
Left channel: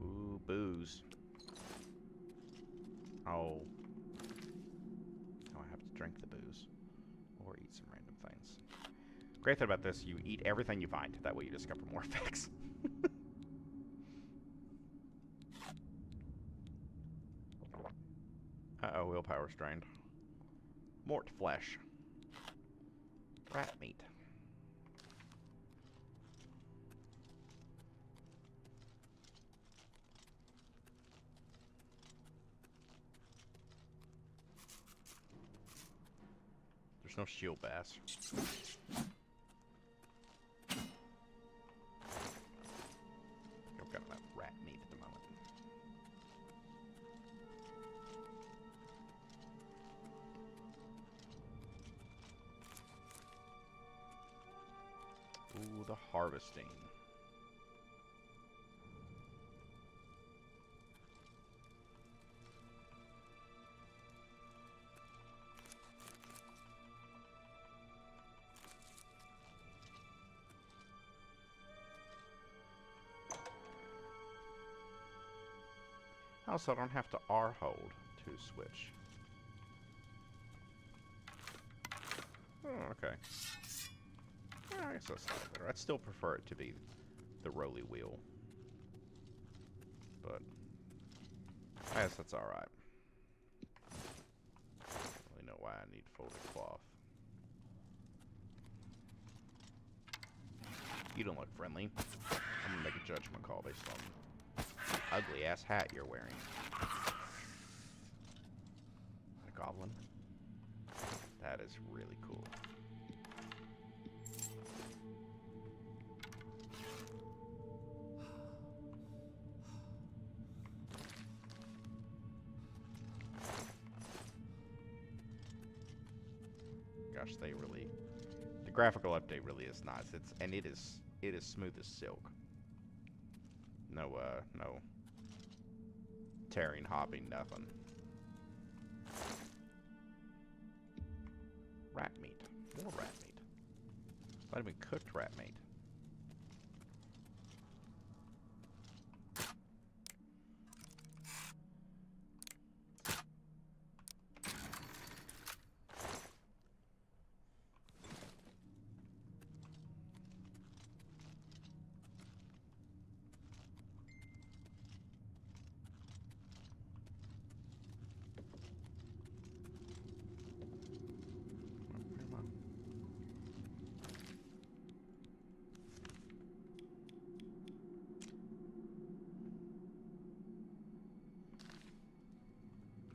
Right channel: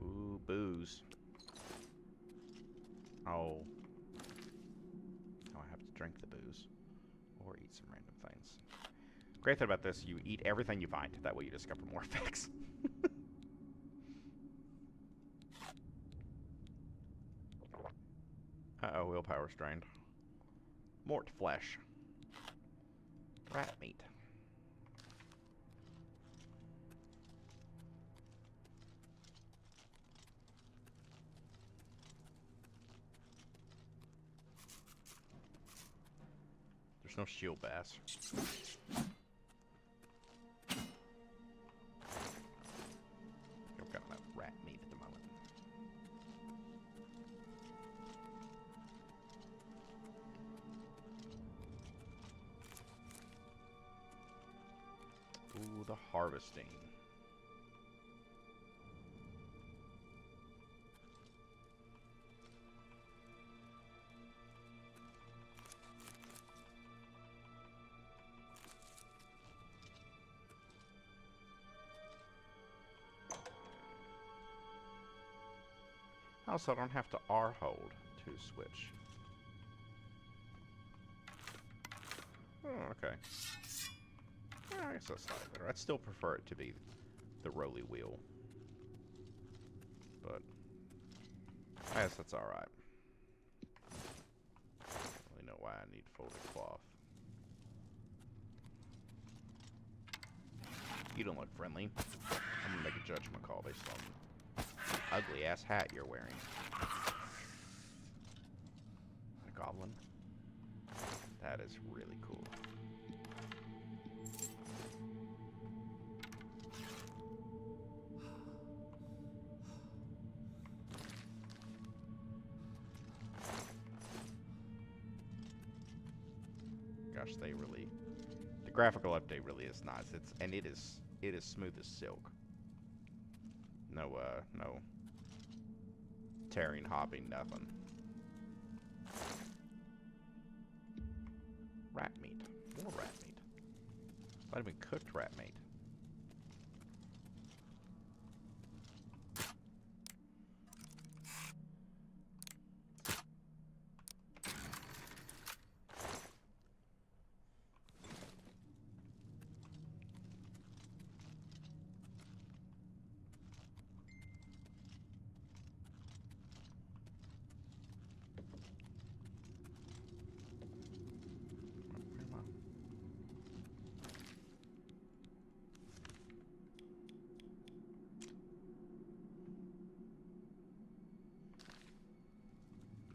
Ooh, booze. Oh. Now I have to drink the booze. Or eat some random things. Great thing about this, you eat everything you find. That way you discover more effects. Uh-oh, willpower strained. Mort flesh. Rat meat. There's no shield bass. I've got enough rat meat at the moment. Ooh, the harvesting. Also, I don't have to R hold to switch. Oh, okay. Yeah, I guess that's not better. I'd still prefer it to be the rolly wheel. But I guess that's alright. I don't really know why I need folded cloth. You don't look friendly. I'm gonna make a judgment call based on the ugly ass hat you're wearing. A goblin? That is really cool. Gosh, they really... The graphical update really is nice. It is smooth as silk. No tearing, hopping, nothing. Rat meat. More rat meat. Not even cooked rat meat.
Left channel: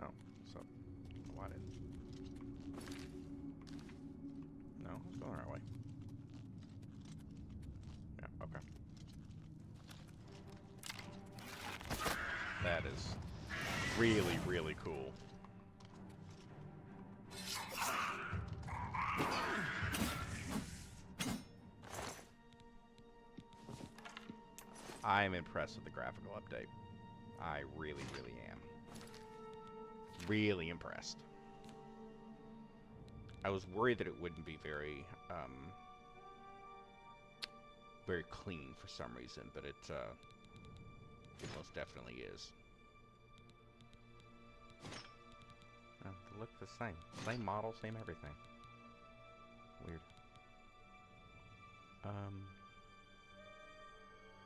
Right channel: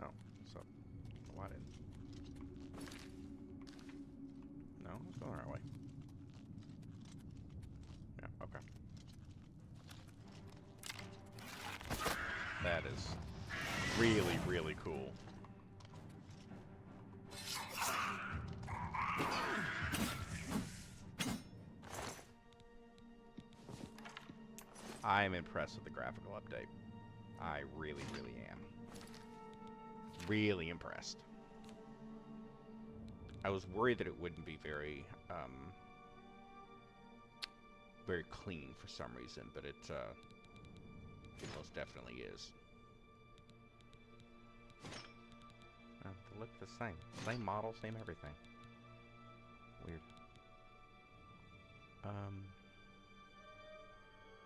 Oh, what's up? Why didn't? No, it's going the right way. Yeah, okay. That is really, really cool. I'm impressed with the graphical update. I really, really am. Really impressed. I was worried that it wouldn't be very, very clean for some reason, but it most definitely is. They look the same. Same model, same everything. Weird.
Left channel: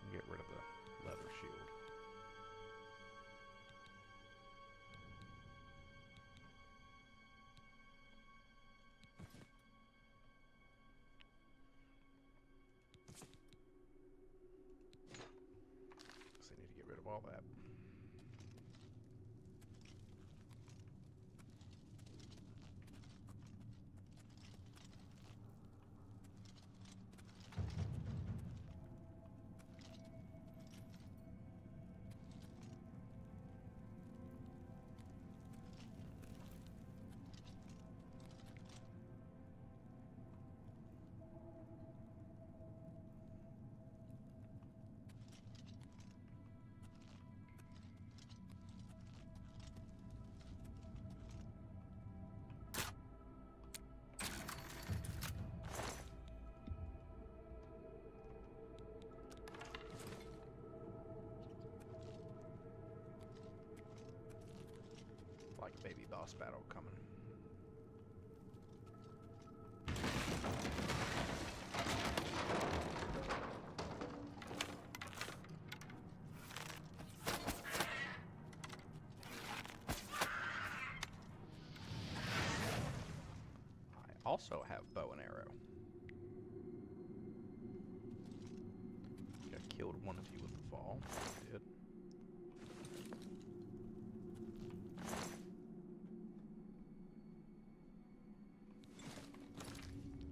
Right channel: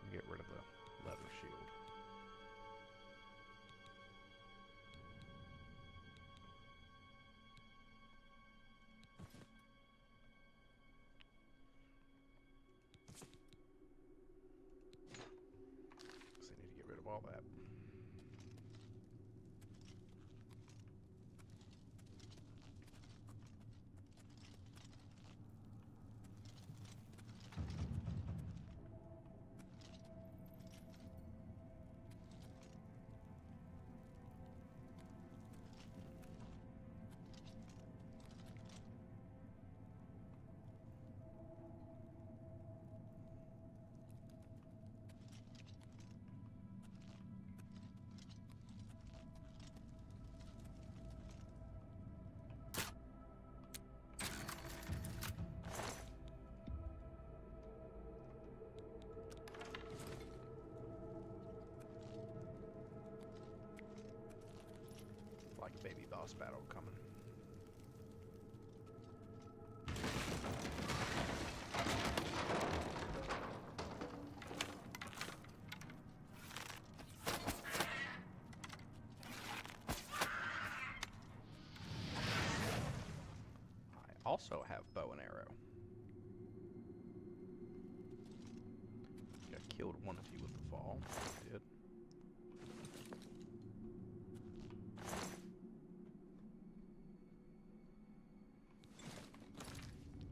Get rid of the leather shield. So I need to get rid of all that. Like a baby boss battle coming. I also have bow and arrow. I killed one of you with the fall. I did.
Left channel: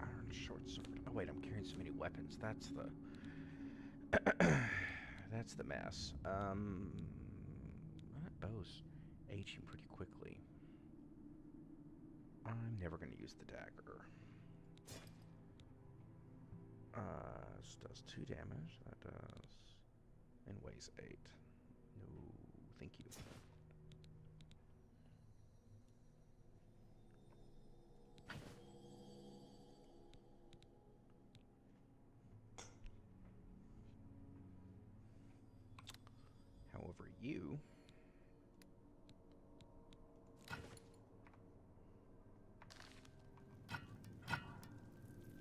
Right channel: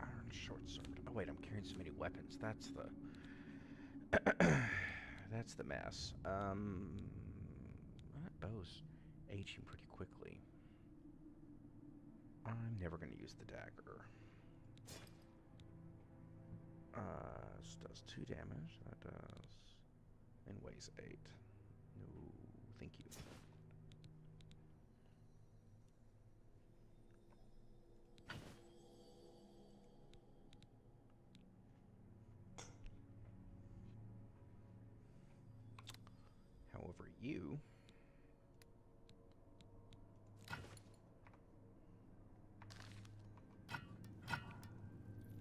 Iron short sword. Oh wait, I'm carrying so many weapons. That's the that's the mess. That bow's aging pretty quickly. I'm never going to use the dagger. This does 2 damage. That does... and weighs 8. No, thank you. However, you...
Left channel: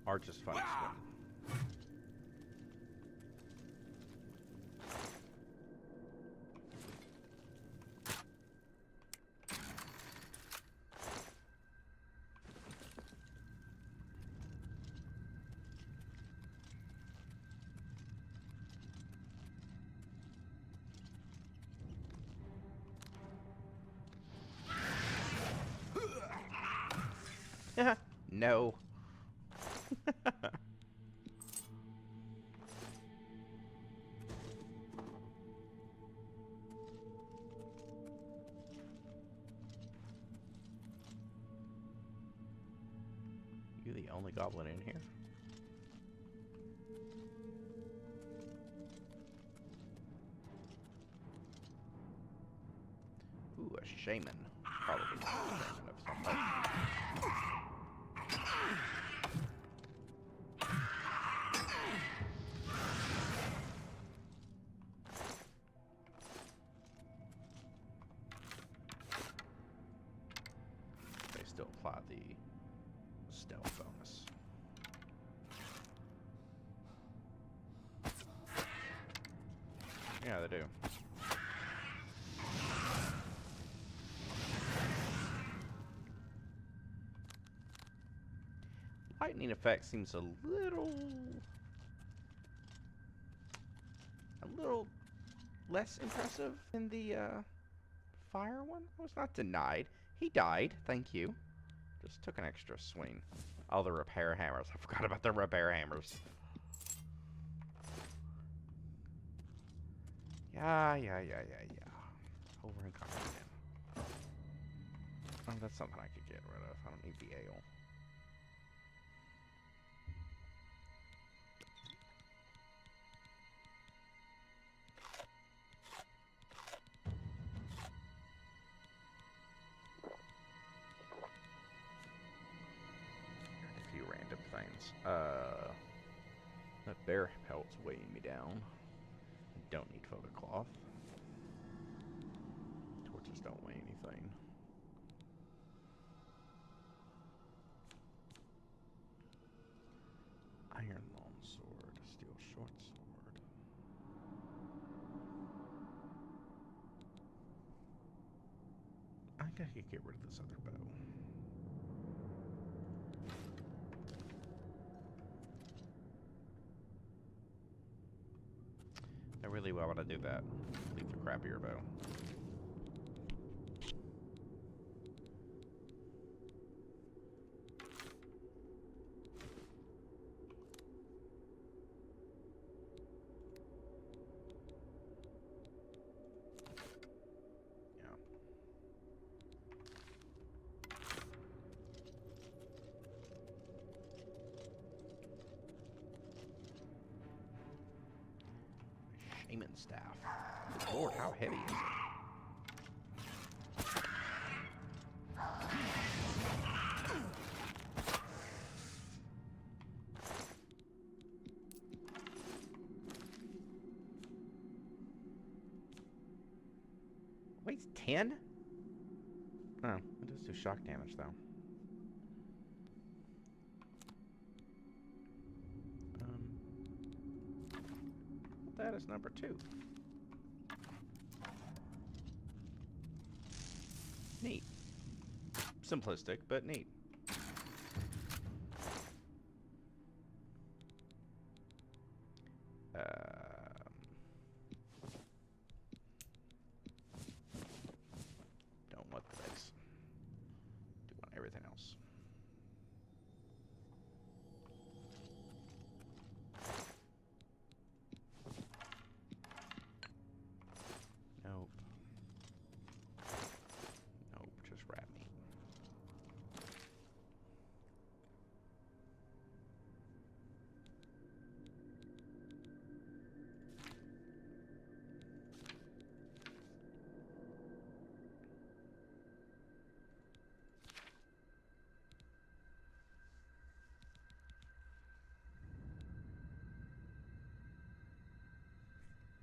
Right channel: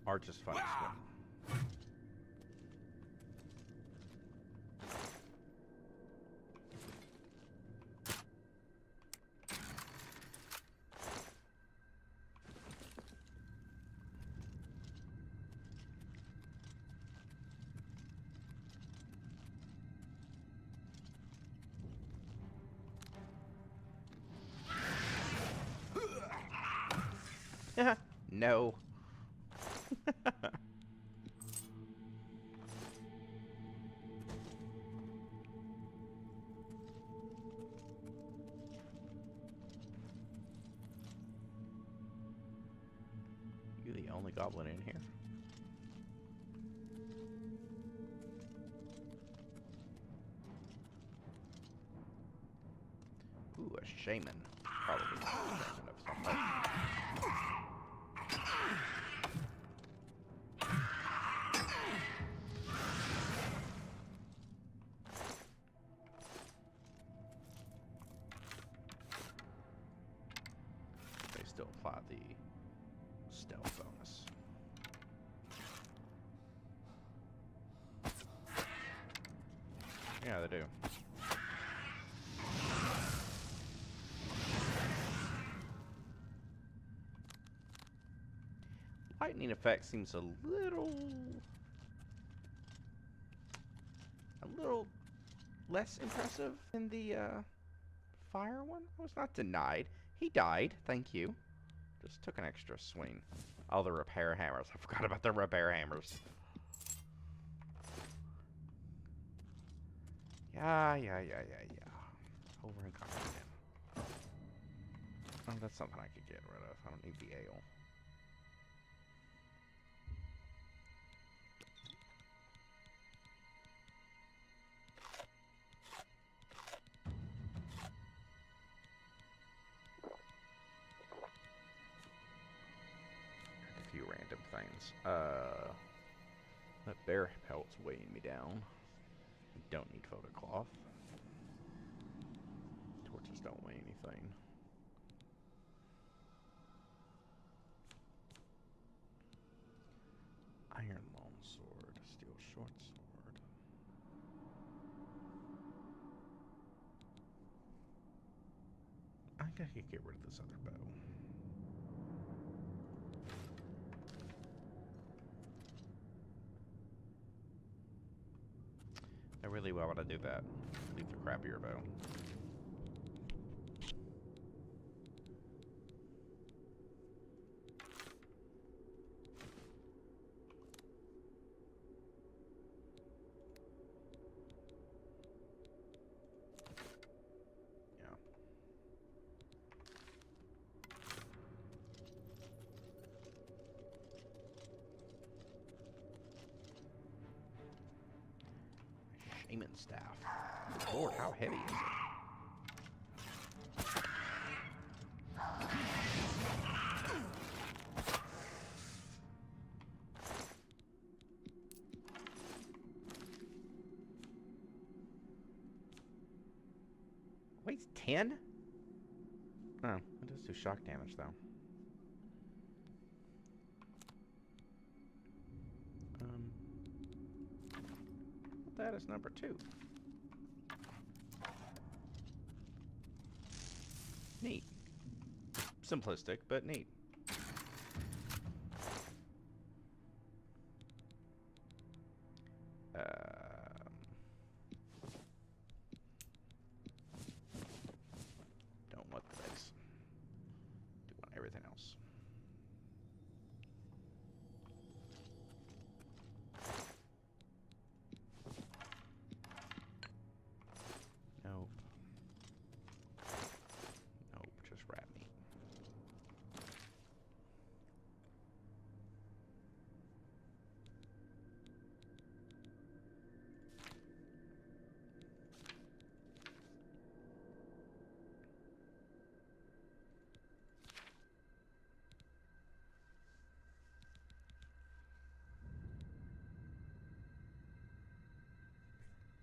are just fun to swim. No. You the only goblin in here? Ooh, a shaman. Probably a shaman of some type. They still apply the stealth bonus. Yeah, they do. Lightning effect seems a little less impressive than the fire one. I was not denied. He died. Thank you. Just took an extra swing. Oh, the repair hammers. I forgot about the repair hammers. Yeah. Over and coming again. Oh, that's something I could get rid of. I don't need the ale. turns. That bear pelt's weighing me down. I don't need photo cloth. Torches don't weigh anything. Iron longsword, steel short sword. I think I could get rid of this other bow. Why would I do that? Leave the crappier bow. Yeah. Shaman staff. Lord, how heavy is it? Weighs 10? Oh, it does do shock damage though. That is number 2. Neat. Simplistic, but neat. Don't want the base. Do want everything else. Nope. Nope, just rat meat.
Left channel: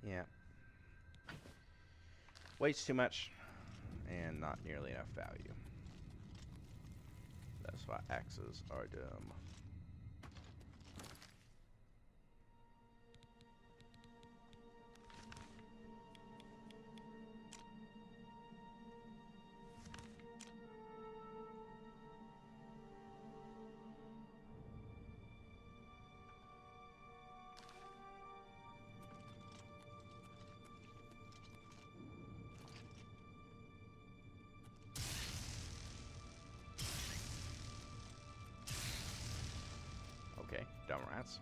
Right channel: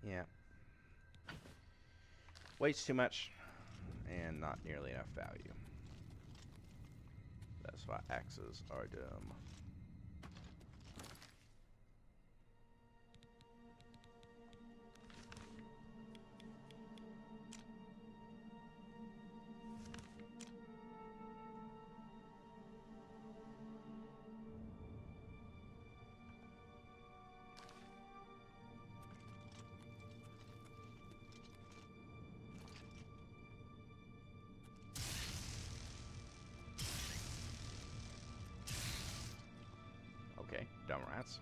Yeah. Weighs too much and not nearly enough value. That's why axes are dumb. Okay, dumb rats.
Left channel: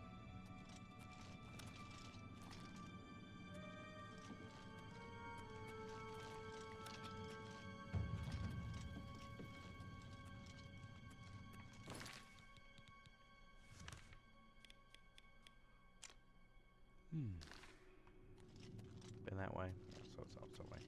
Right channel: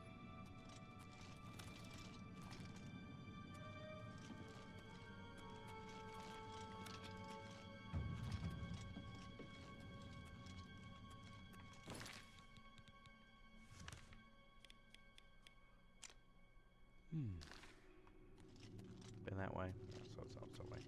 Been that way? Yeah, so it's out that way.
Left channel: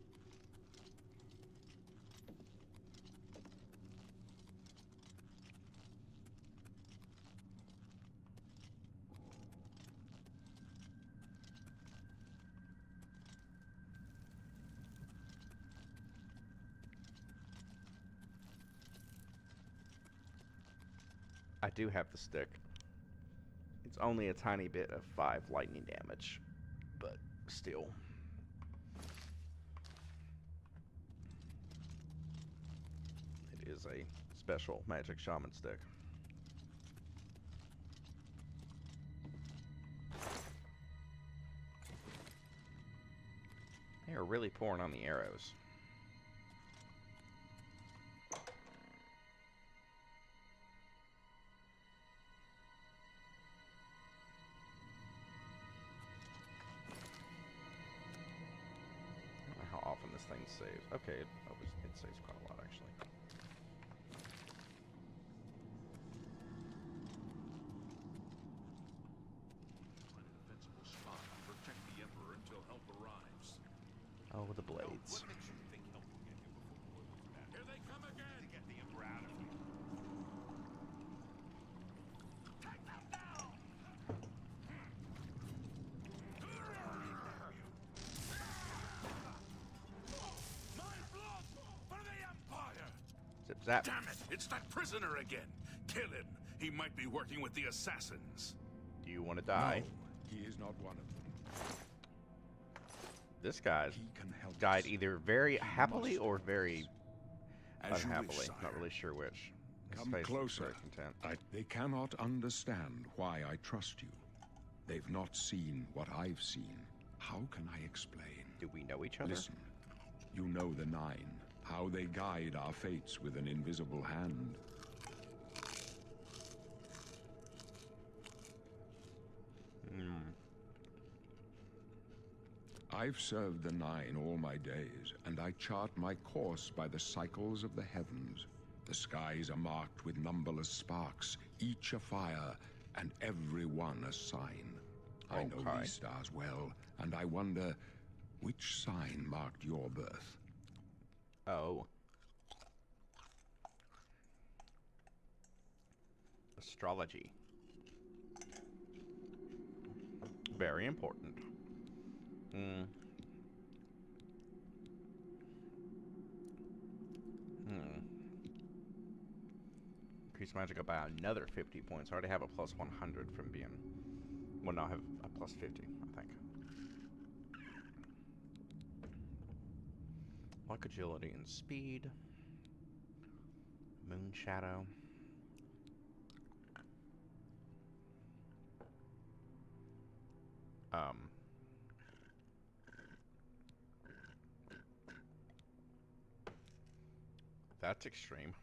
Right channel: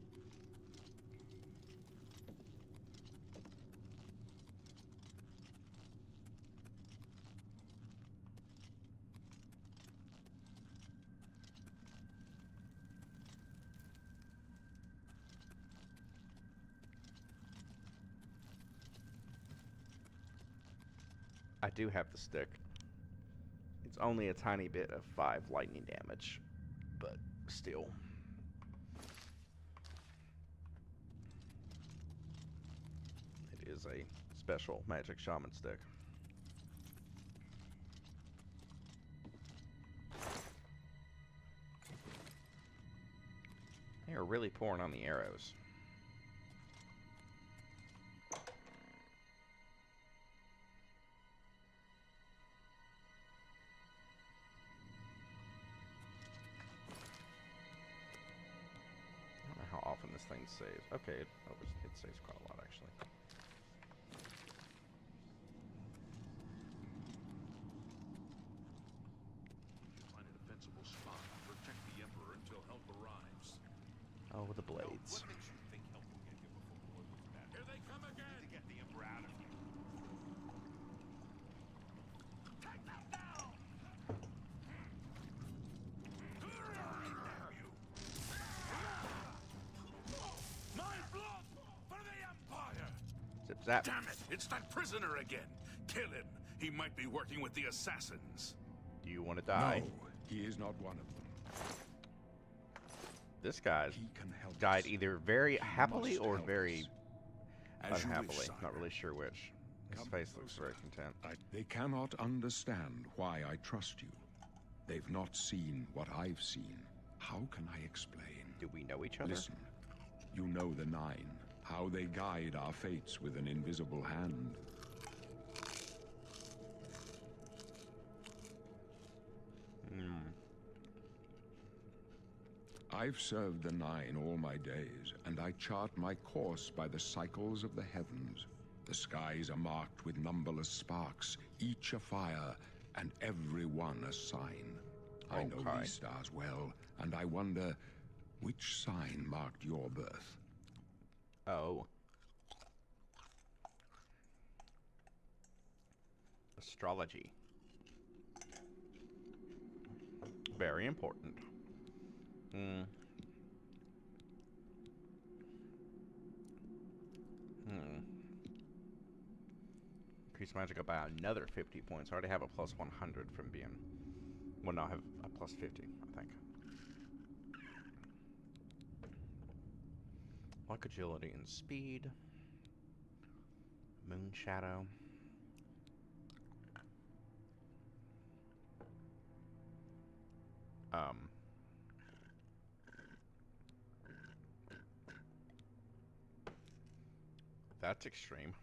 I do have the stick. It's only a tiny bit of 5 lightning damage, but still. It is a special magic shaman stick. They are really pouring on the arrows. I don't know how often this thing saves. Okay, it saves quite a lot actually. Find a defensible spot. Protect the Emperor until help arrives. Oh, the blades. What makes you think help will get here before war looks bad? Here they come again! To get the Emperor out of here. Take them Zap. Damn it! It's that prisoner again! Kill him! He might be working with the assassins. Do you want to die? No, he is not one of them. This guy He can help died us. either very He happily must or help very us. As you wish, unhappily. sire. Not really sure which. His Come face looks closer. very content. They cannot understand why I trust you. They've not seen what I've seen. How can I explain? Do we know each other? Listen, you know the Nine, how they guide our fates with an invisible hand. I've served the Nine all my days, and I chart my course by the cycles of the heavens. The skies are marked with numberless sparks, each a fire, and every one a sign. I know Okay. these stars well, and I wonder which sign marked your birth. Oh. Astrology. Very important. Increase magic by another 50 points. I already have a plus 100 from being... Well, no, I have a plus 50, I think. Luck, agility, and speed. Moon shadow. That's extreme.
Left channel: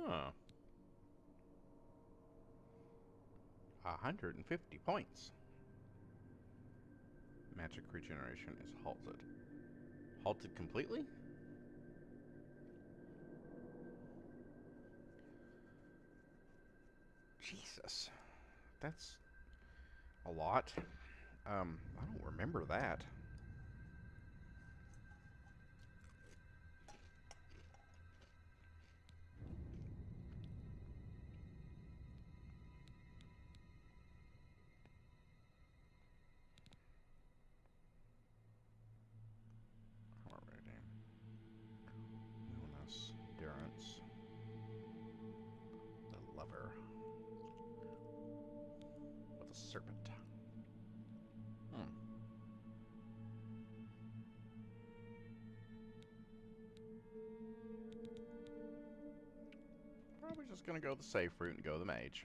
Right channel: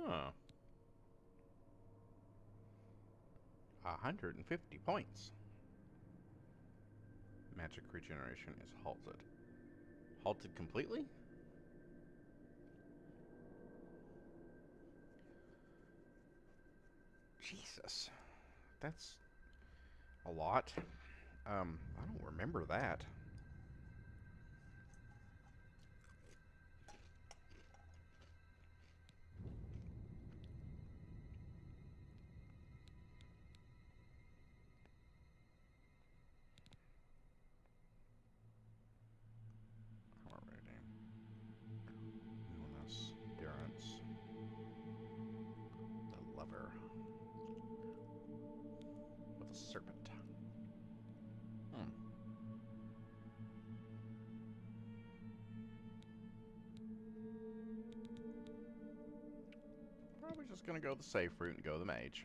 Huh. 150 points. Magic regeneration is halted. Halted completely? Jesus. That's a lot. I don't remember that. Alrighty. Illness, endurance. The lover. With a serpent. Probably just gonna go the safe route and go the mage.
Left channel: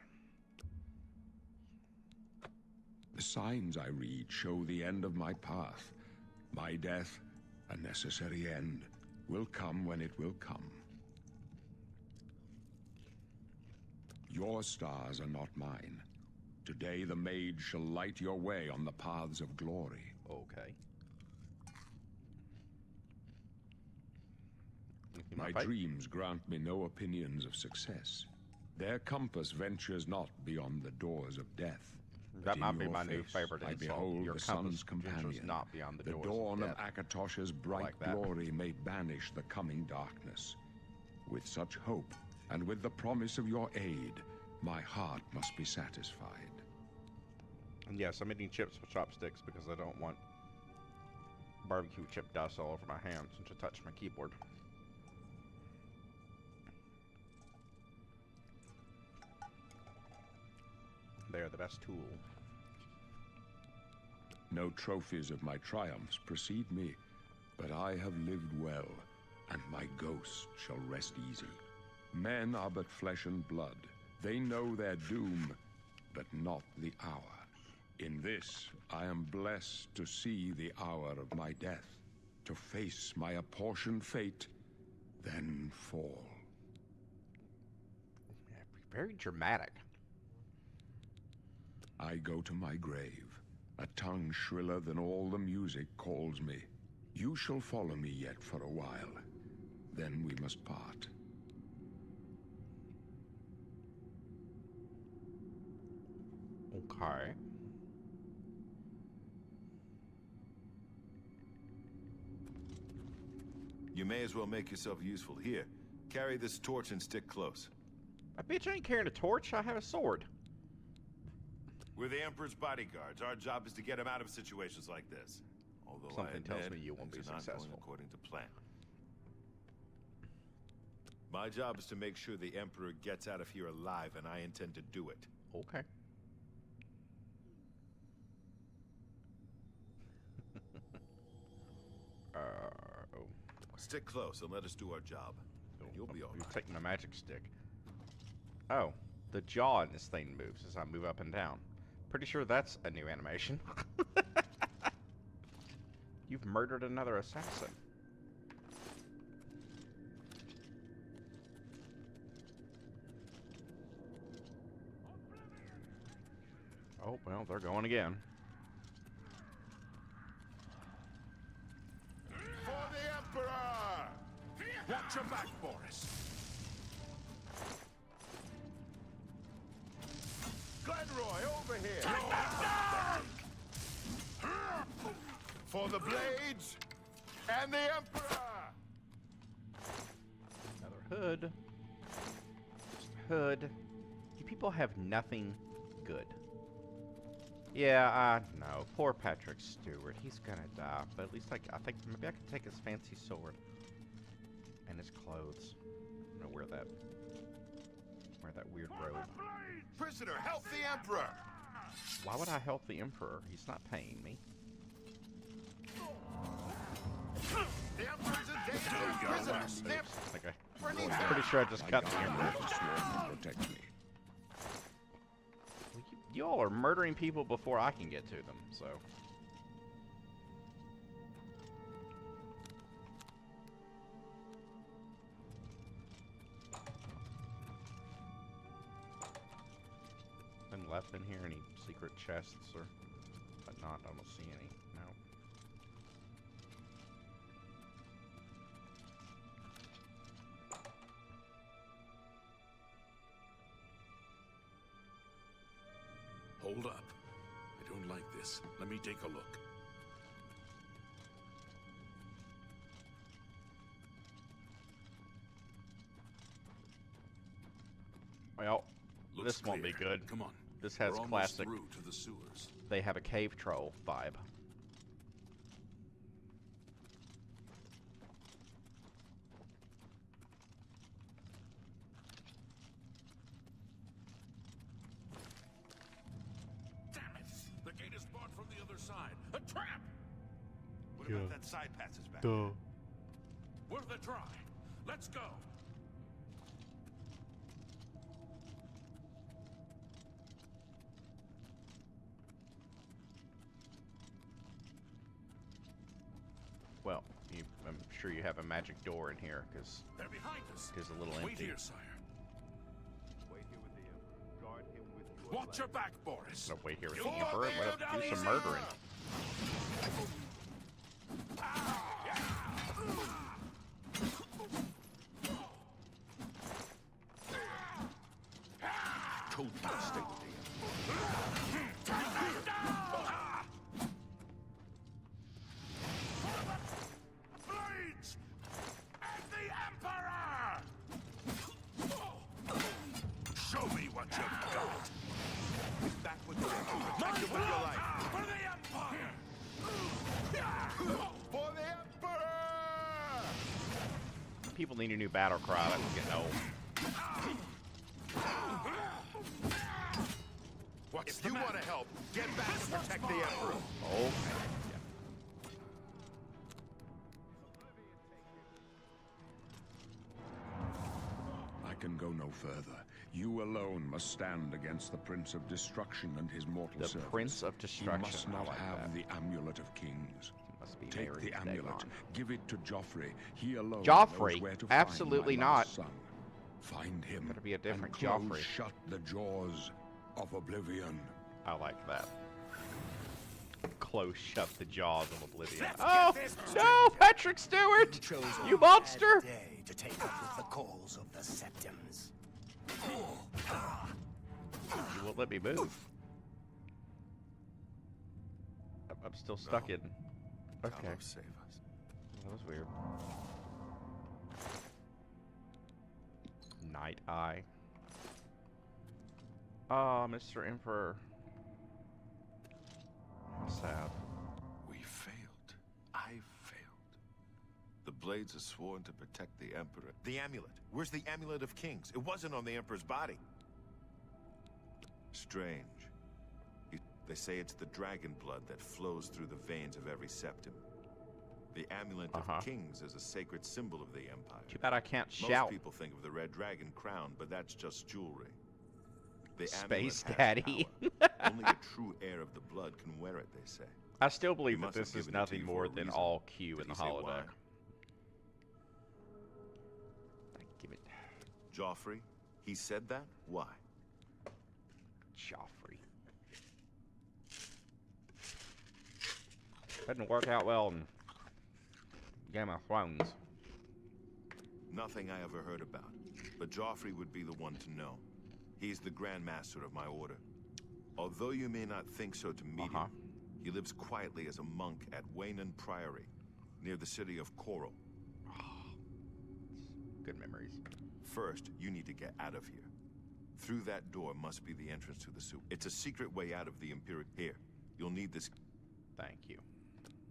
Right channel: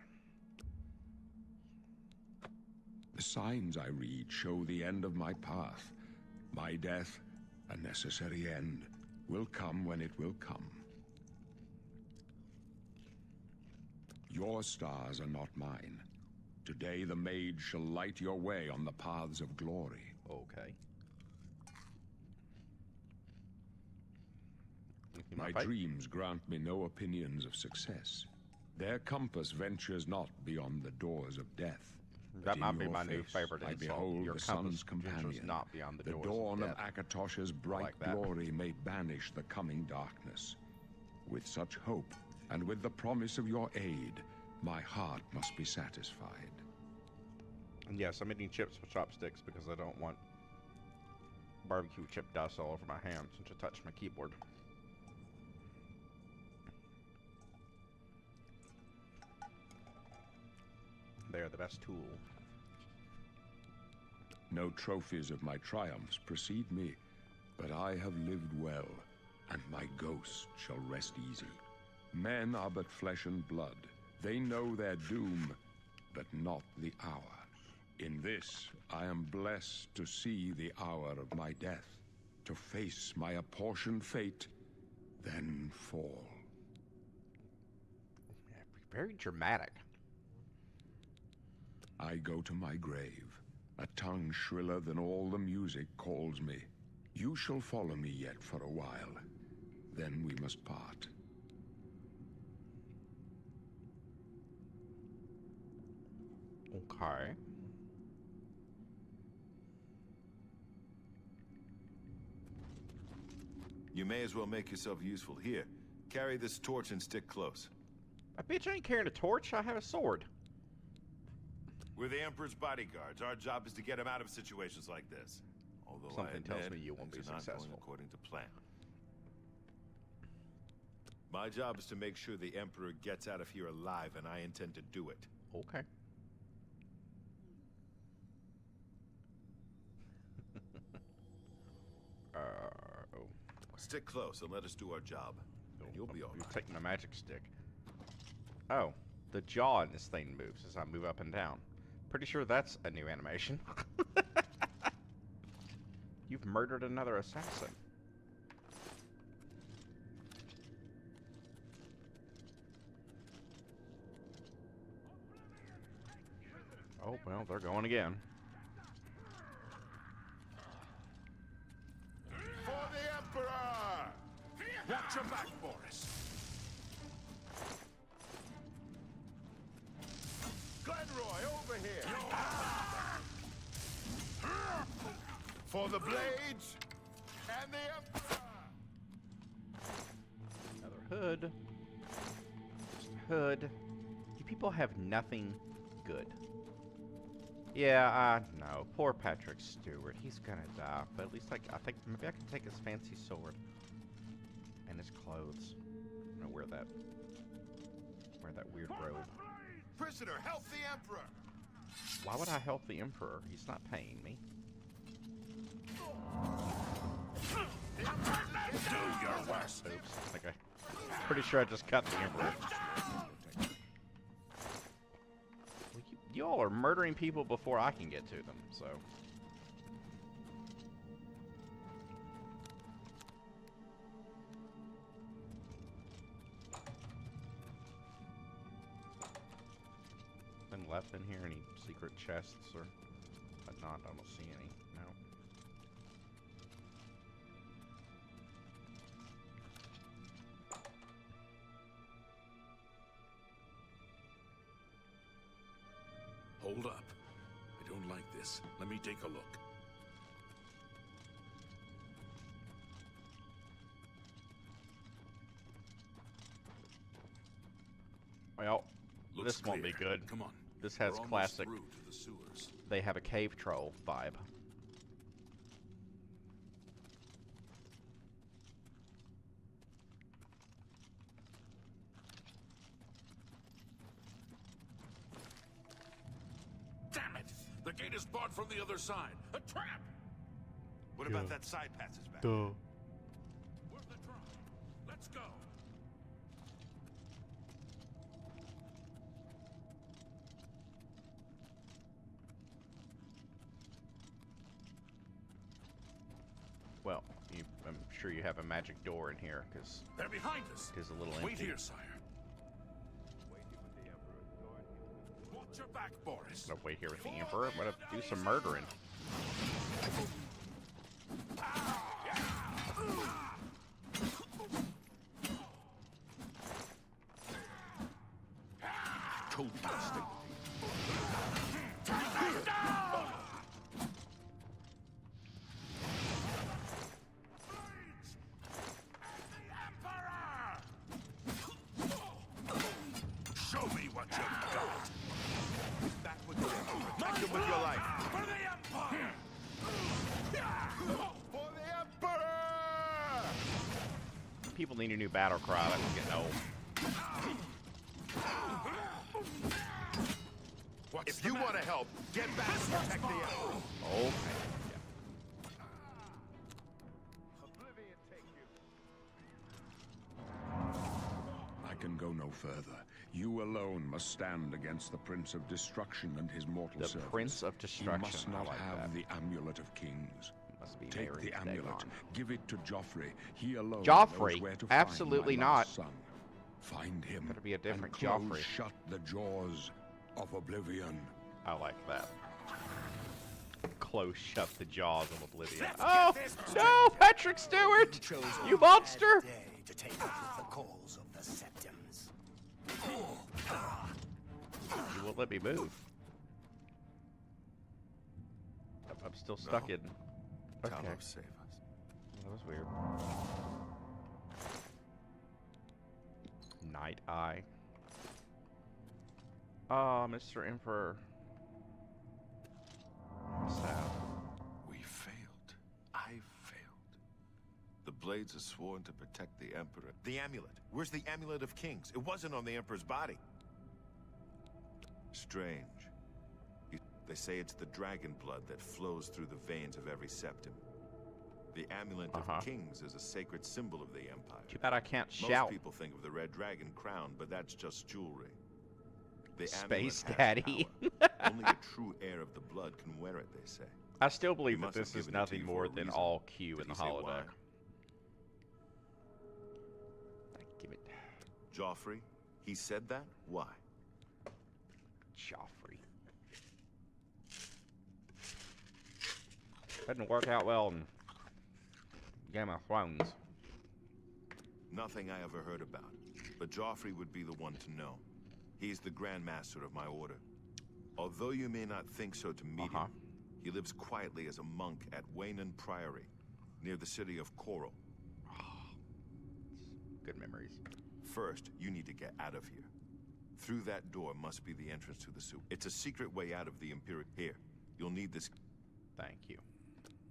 The signs I read show the end of my path. My death, a necessary end, will come when it will come. Your stars are not mine. Today the mage shall light your way on the paths of glory. Okay. My dreams grant me no opinions of success. Their compass ventures not beyond the doors of death. That In might be your my new face, favorite I insult. behold Your the compass sun's ventures companion. not beyond the The doors dawn of of death. Akatosh's bright like that. glory may banish the coming darkness. With such hope, and with the promise of your aid, my heart must be satisfied. And yes, I'm eating chips with chopsticks because I don't want barbecue chip dust all over my hands and to touch my keyboard. They are the best tool. No trophies of my triumphs precede me, but I have lived well, and my ghost shall rest easy. Men are but flesh and blood. They know their doom, but not the hour. In this, I am blessed to see the hour of my death, to face my apportioned fate, then fall. Very dramatic. I go to my grave. A tongue shriller than all the music calls me. You shall follow me yet for a while. Then we must part. Okay. You may as well make yourself useful. Here, carry this torch and stick close. A bitch ain't carrying a torch. I have a sword. We're the Emperor's bodyguards. Our job is to get him out of situations like this. Although Something tells admit, me you won't be things are not going successful. according to plan. My job is to make sure the Emperor gets out of here alive, and I intend to do it. Okay. Oh. Stick close and let us do our job. And you'll be all You're right. taking my magic stick. Oh, the jaw in this thing moves as I move up and down. Pretty sure that's a new animation. You've murdered another assassin. Oh, well, they're going again. For the Emperor! Watch your back, Boris. Glenroy, over here! For the blades and the Emperor! Another hood. Just a hood. You people have nothing good. Yeah, I know. Poor Patrick Stewart. He's gonna die. But at least I think maybe I can take his fancy sword and his clothes. I'm gonna wear that weird robe. Prisoner, help the Emperor! Why would I help the Emperor? He's not paying me. The Emperor's in danger! Prisoner, Oops. Okay. I'm pretty sure I just cut the Emperor. Protect me. Well, you all are murdering people before I can get to them, so. Nothing left in here? Any secret chests or whatnot? I don't see any. No. Hold up. I don't like this. Let me take a look. Well, Looks this won't be clear. good. Come on. This has We're almost classic. through to the sewers. They have a cave troll vibe. Damn it! The gate is barred from the other side. A trap! What about that side passage back? Worth a try. Let's go. Well, I'm sure you have a magic door in here, because They're behind us. it's a little Wait empty. here, sire. Wait here with the Emperor. Guard him with your Watch your back, Boris. No, wait here with the You're Emperor. there, What if do some Alicia! murdering? told you to stay with the Blades! And the Emperor! Show me what you've got. back with the Emperor. Protect him with your life. For the Empire! For the Emperor! People need a new battle cry. That's getting old. If you want to help, get back and protect the Emperor. Okay. Oblivion take you. I can go no further. You alone must stand against the Prince of Destruction and his mortal The servants. Prince of He Destruction. must I not like have that. the Amulet of Kings. Must be Take married the to amulet, Dagon. give it to Joffrey. He alone Joffrey? knows where to Absolutely find my not. lost son. Find him. Better be a different and close Joffrey. shut the jaws of Oblivion. I like that. Close shut the jaws of Oblivion. Let's Oh get this no, Patrick Stewart! chose You a monster! bad day to take up with the calls of the Septums. You won't let me move. I'm still stuck in. Okay, Talos, save us. that was weird. Night Eye. Ah, Mr. Emperor. How sad. We failed. I failed. The Blades are sworn to protect the Emperor. The amulet. Where's the Amulet of Kings? It wasn't on the Emperor's body. Strange. They say it's the dragon blood that flows through the veins of every septum. The Amulet of Kings is a sacred symbol of the Empire. Too bad I can't Most shout. people think of the red dragon crown, but that's just jewelry. The Space amulet has Daddy. power. Only a true heir of the blood can wear it, they say. I still believe He that must have this is given it to nothing you for more a than reason. all Q Did in the he say why? holodeck. Give it. Joffrey? He said that? Why? Joffrey. Didn't work out well in Game of Thrones. Nothing I ever heard about. But Joffrey would be the one to know. He's the Grand Master of my order. Although you may not think so to meet him, he lives quietly as a monk at Waynon Priory, near the city of Coral. Good memories. First, you need to get out of here. Through that door must be the entrance to the sewer. It's a secret way out of the Imperial... Here, you'll need this... Thank you.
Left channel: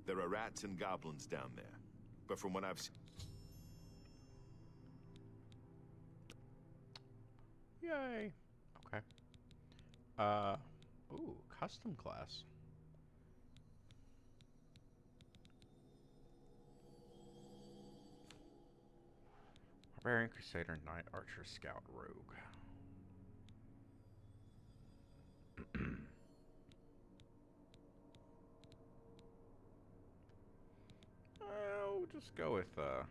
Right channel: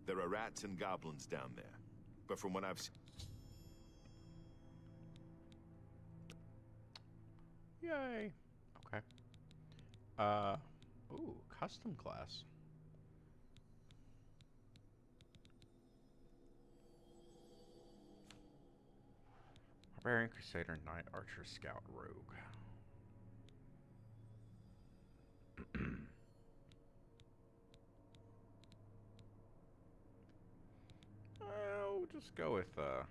There are rats and goblins down there. But from what I've seen... Yay. Okay. Ooh, custom class. Barbarian, Crusader, Knight, Archer, Scout, Rogue. We'll just go with, I'll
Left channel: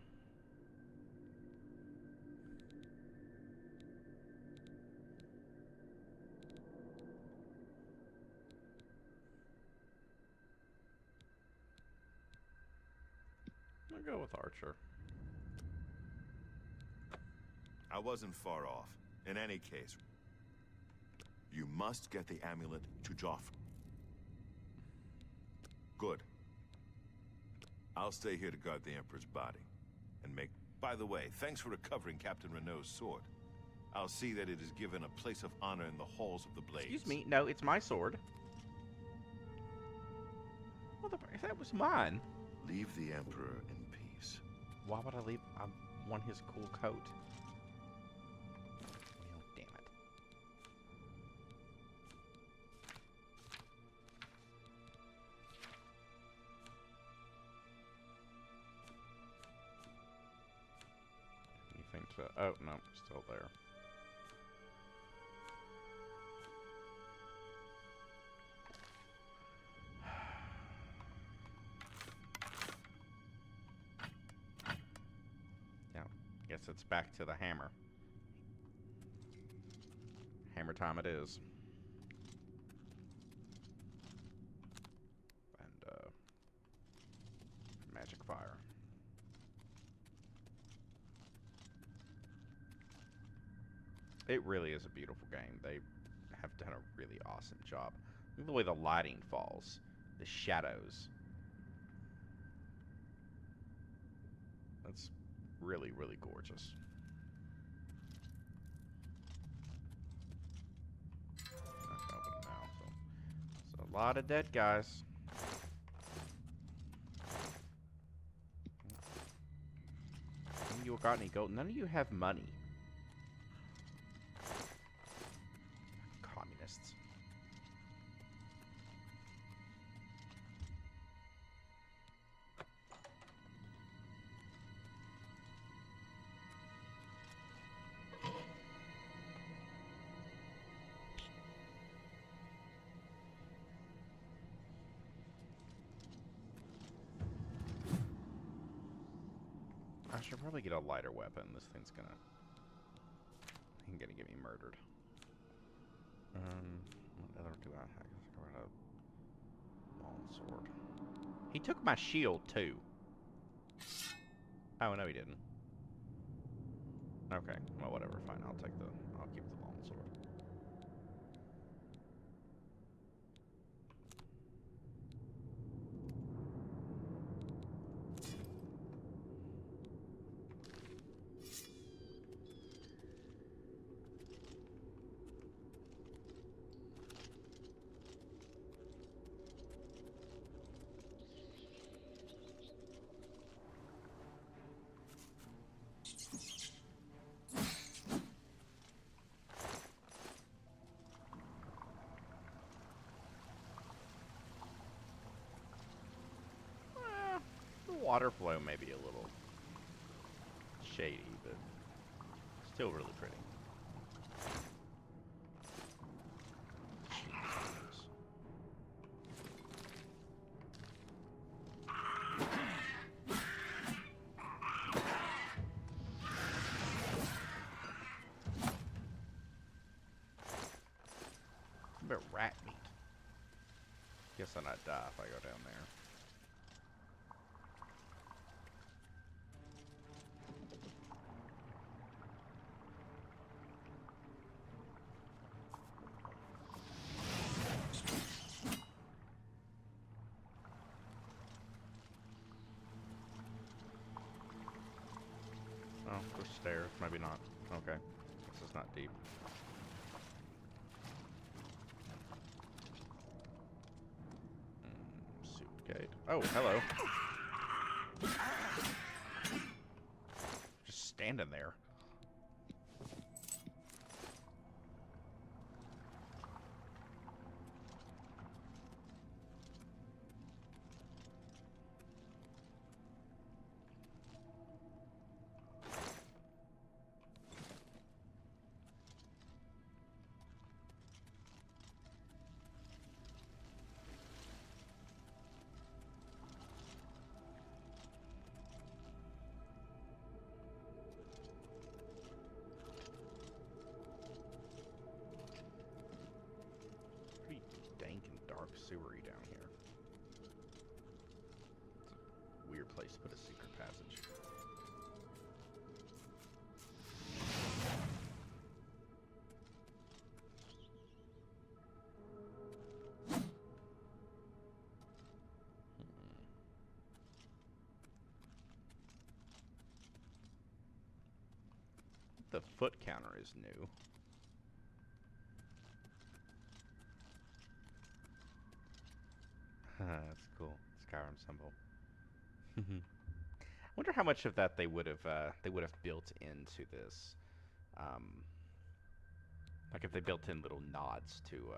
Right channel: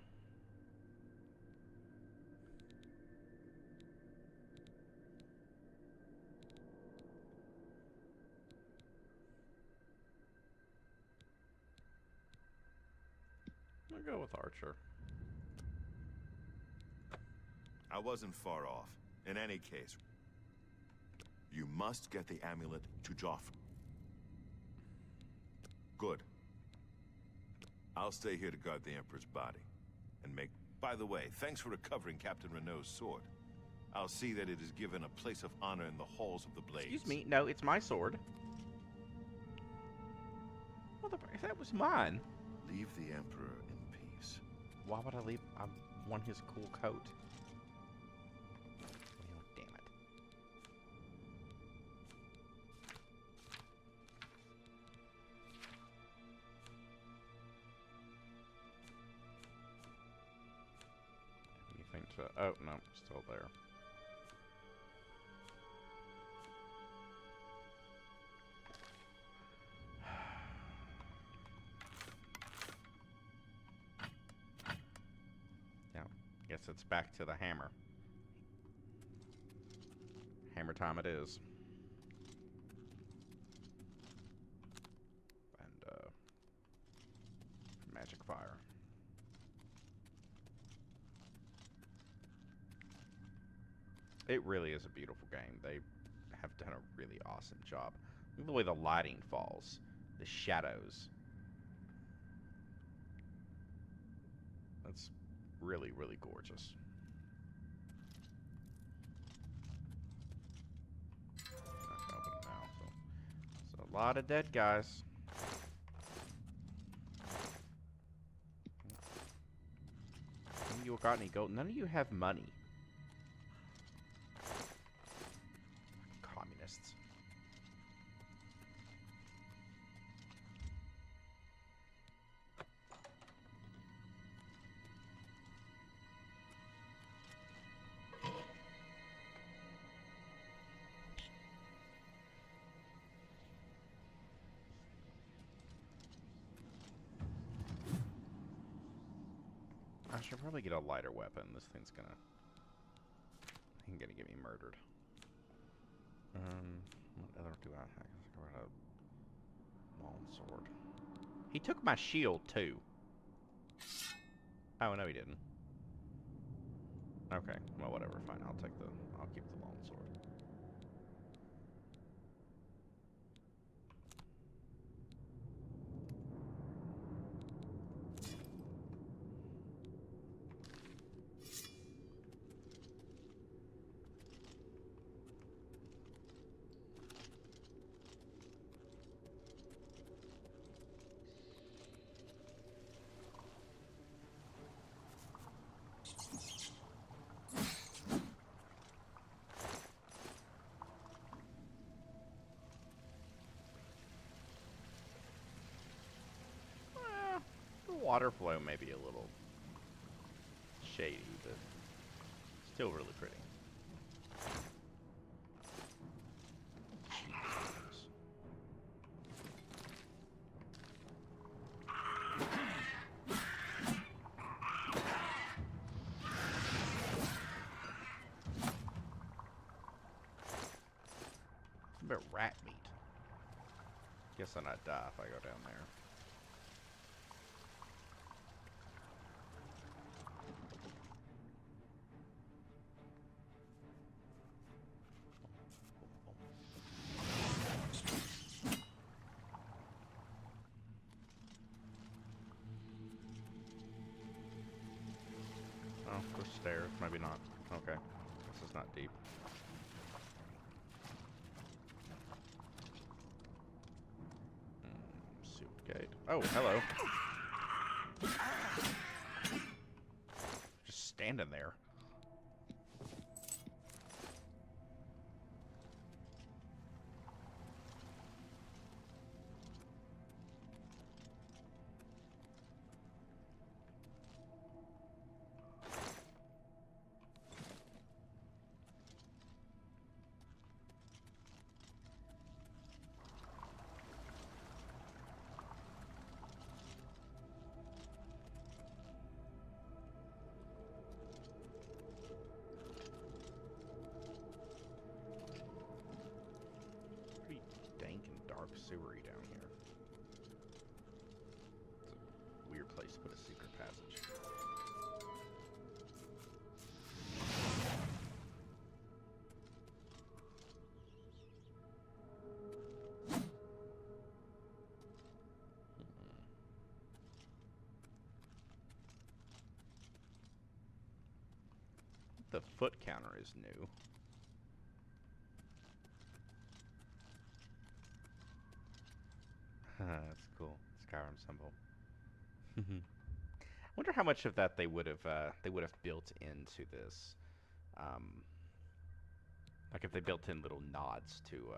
go with Archer. I wasn't far off. In any case, you must get the amulet to Joffrey. Good. I'll stay here to guard the Emperor's body. And make... By the way, thanks for recovering Captain Renault's sword. I'll see that it is given a place of honor in the halls of the Blades. Excuse me, no, it's my sword. Motherfucker, that was mine. Leave the Emperor in peace. Why would I leave? I want his cool coat. Well, damn it. Anything to... Oh, no, still there. Guess it's back to the hammer. Hammer time it is. And, magic fire. It really is a beautiful game. They have done a really awesome job. Look at the way the lighting falls. The shadows. That's really, really gorgeous. That's open now, so a lot of dead guys. None of you got any gold. None of you have money. Communists. I should probably get a lighter weapon. This thing's gonna get me murdered. What other do I have? I got a long sword. He took my shield too. Oh no, he didn't. Okay, well whatever. Fine, I'll keep the long sword. water flow may be a little shady, but still really pretty. A bit of rat meat. Guess I'll not die if I go down there. Oh, there's stairs. Maybe not. Okay. This is not deep. Suitgate. Oh, hello. Just standing there. Pretty dank and dark sewery down here. It's a weird place to put a secret passage. The foot counter is new. That's cool. Skyrim symbol. I wonder how much of that they would have built into this. Like if they built in little nods to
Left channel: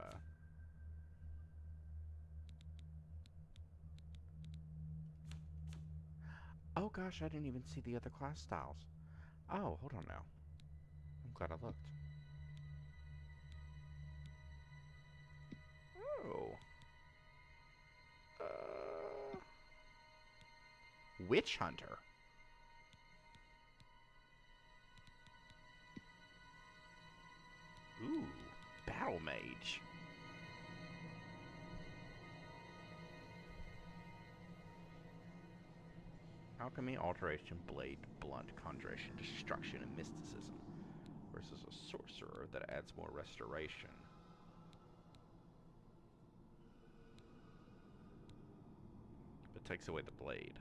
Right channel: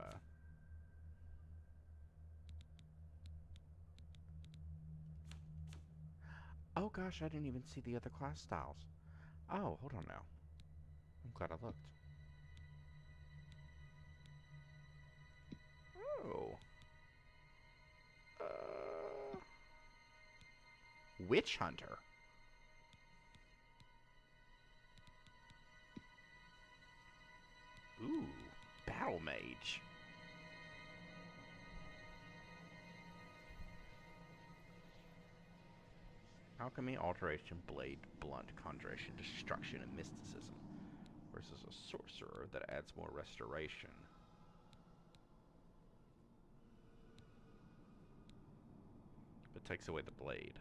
Oh gosh, I didn't even see the other class styles. Oh, hold on now. I'm glad I looked. Oh. Witch Hunter. Ooh, Battle Mage. Alchemy, Alteration, Blade, Blunt, Conjuration, Destruction, and Mysticism. Versus a Sorcerer that adds more Restoration. But takes away the Blade.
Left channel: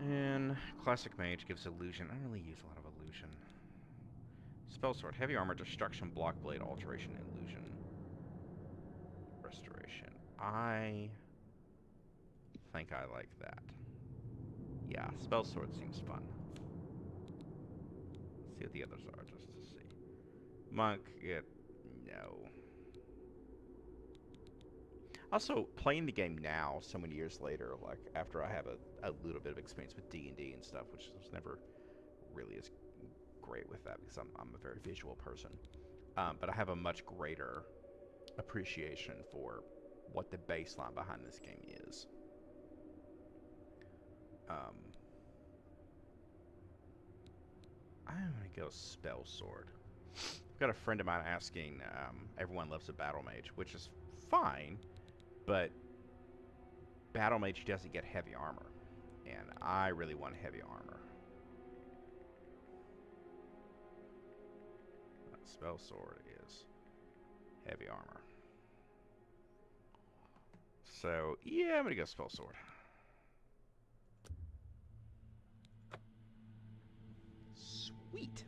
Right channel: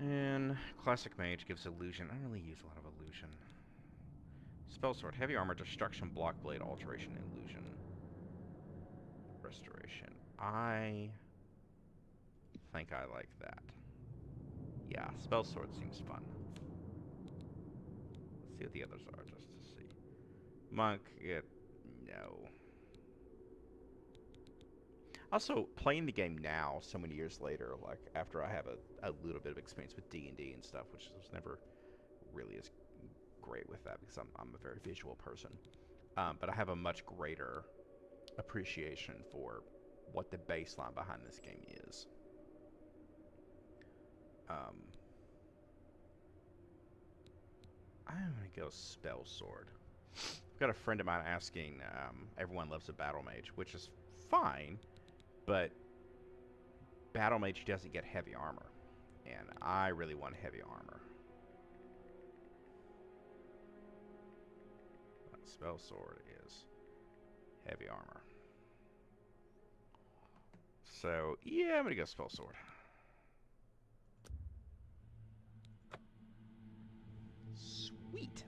And Classic Mage gives Illusion. I don't really use a lot of Illusion. Spell Sword, Heavy Armor, Destruction, Block Blade, Alteration, Illusion, Restoration. I think I like that. Yeah, Spell Sword seems fun. Let's see what the others are, just to see. Monk, no. Also, playing the game now, so many years later, like after I have a little bit of experience with D&D and stuff, which was never really as great with that because I'm a very visual person. But I have a much greater appreciation for what the baseline behind this game is. I'm going to go Spell Sword. I've got a friend of mine asking, everyone loves a Battle Mage, which is fine, but Battle Mage doesn't get heavy armor, and I really want heavy armor. Spell Sword is heavy armor. So, yeah, I'm going to go Spell Sword. Sweet.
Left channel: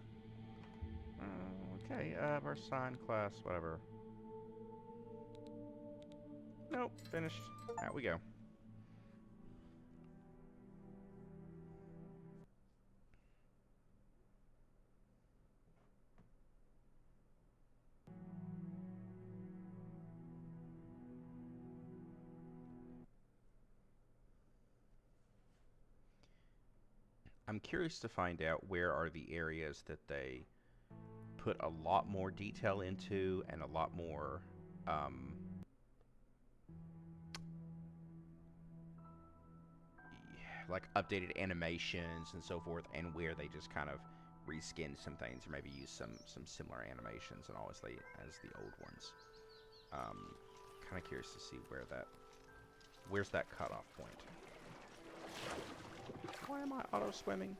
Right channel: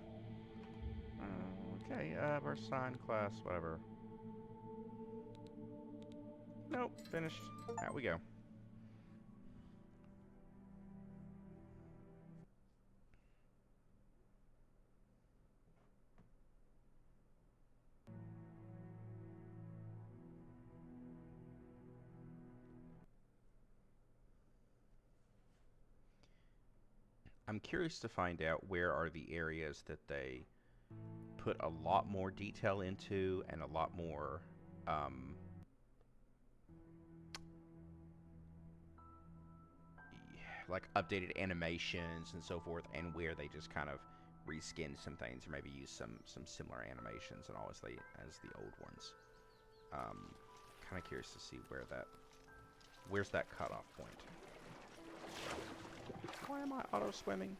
Okay, burst sign, class, whatever. Nope, finished. Out we go. I'm curious to find out where are the areas that they put a lot more detail into and a lot more like updated animations and so forth, and where they just kind of reskinned some things or maybe used some similar animations and obviously as the old ones. Kind of curious to see where's that cutoff point. Why am I auto swimming?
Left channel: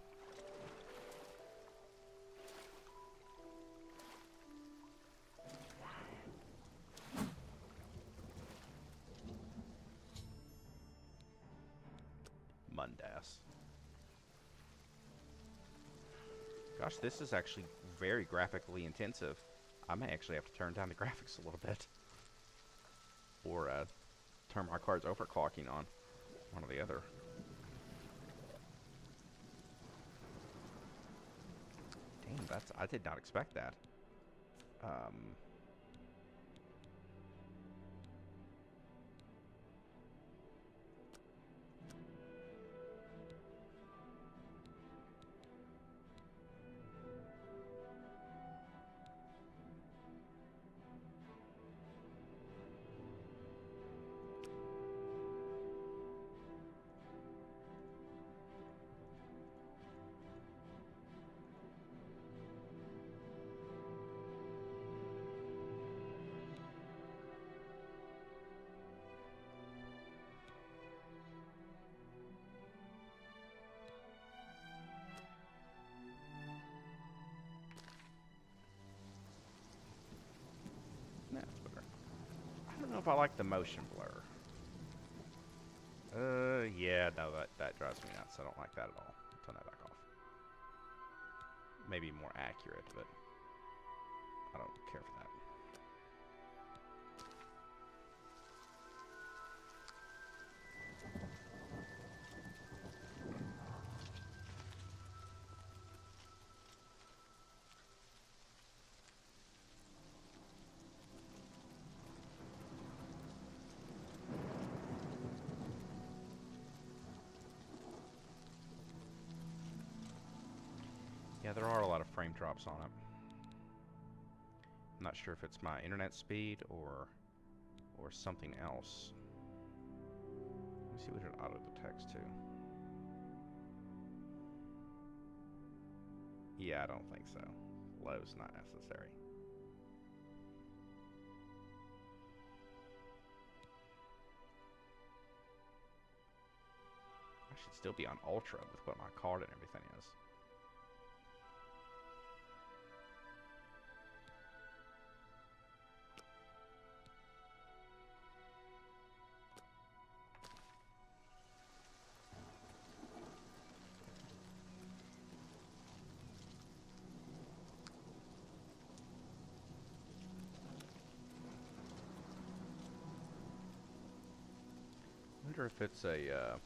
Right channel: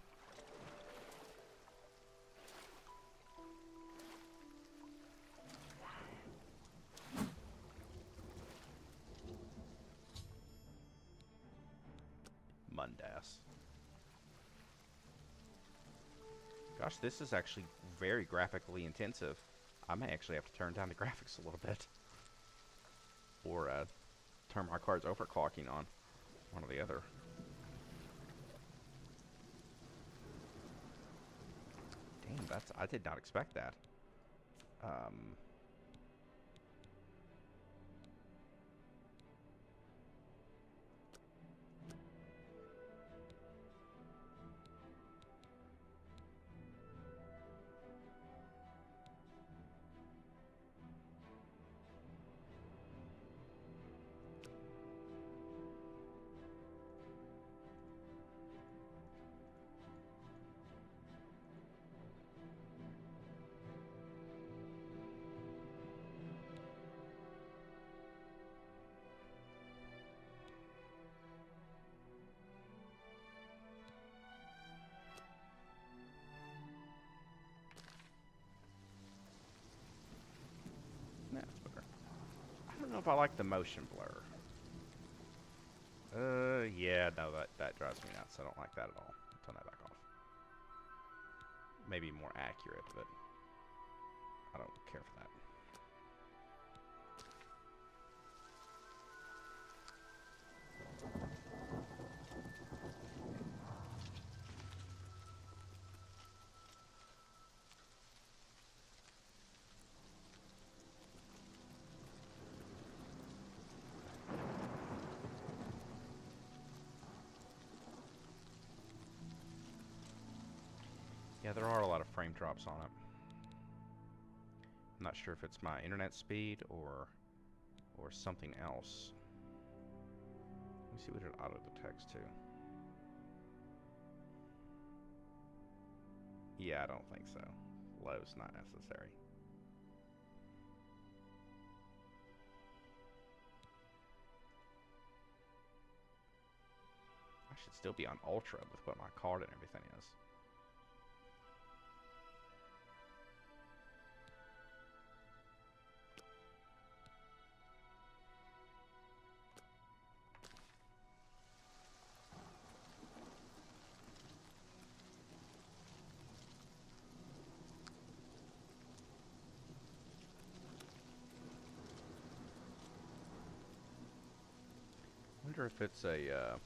Mundas. Gosh, this is actually very graphically intensive. I may actually have to turn down the graphics a little bit. Or turn my cards overclocking on. One or the other. Damn, I did not expect that. That's better. I don't know if I like the motion blur. Yeah, no, that drives me nuts. I don't like that at all. Turn that back off. Maybe more accurate, but I don't care for that. Yeah, there are a lot of frame drops on it. I'm not sure if it's my internet speed or something else. Let me see what it auto detects to. Yeah, I don't think so. Low's not necessary. I should still be on Ultra with what my card and everything is. I wonder if it's a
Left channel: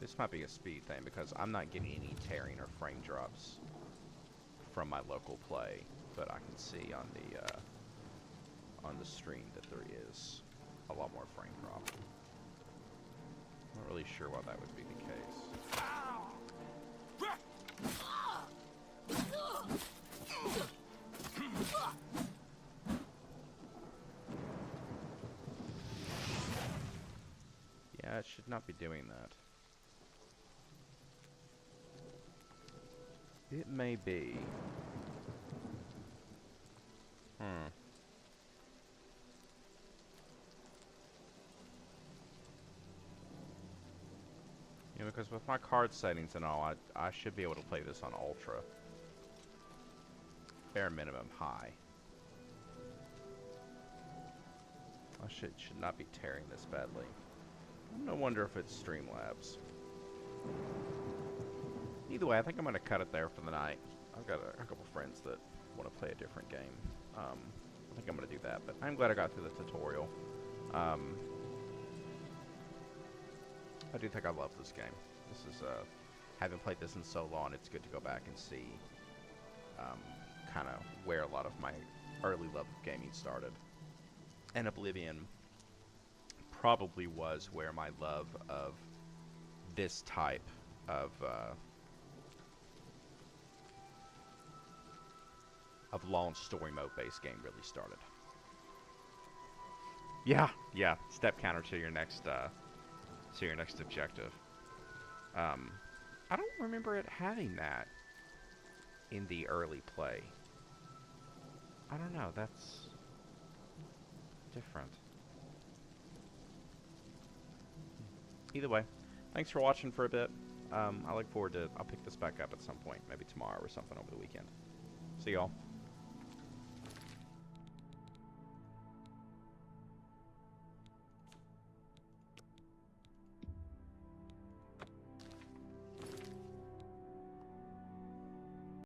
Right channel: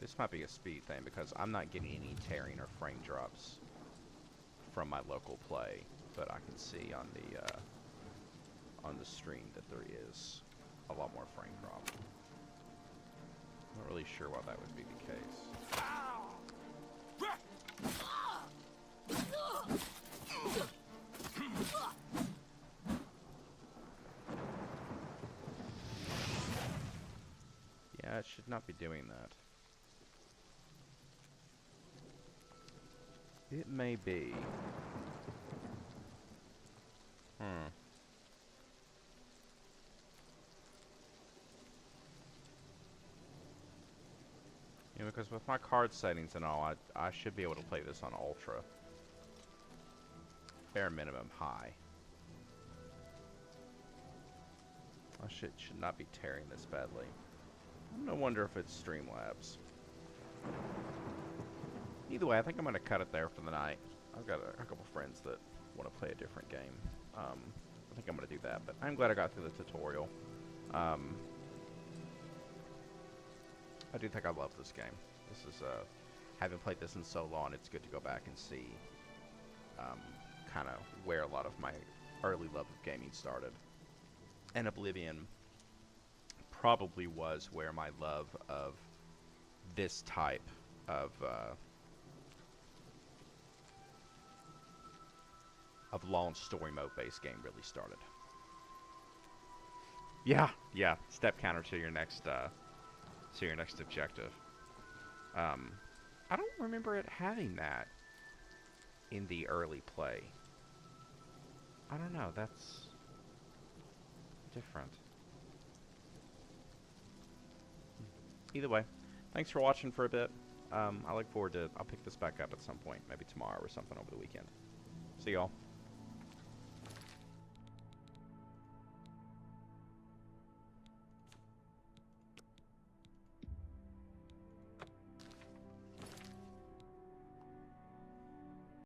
this might be a speed thing because I'm not getting any tearing or frame drops from my local play, but I can see on the stream that there is a lot more frame drop. I'm not really sure why that would be the case. Yeah, it should not be doing that. It may be. Yeah, because with my card settings and all, I should be able to play this on Ultra. Bare minimum high. I should not be tearing this badly. I'm gonna wonder if it's Streamlabs. Either way, I think I'm gonna cut it there for the night. I've got a couple friends that want to play a different game. I think I'm gonna do that, but I'm glad I got through the tutorial. I do think I love this game. This is, having played this in so long, it's good to go back and see kind of where a lot of my early love of gaming started. and Oblivion probably was where my love of this type of launch story mode based game really started. Yeah, yeah. Step counter to your next objective. I don't remember it having that in the early play. I don't know. That's different. Either way, thanks for watching for a bit. I look forward to. I'll pick this back up at some point, maybe tomorrow or something over the weekend. See y'all.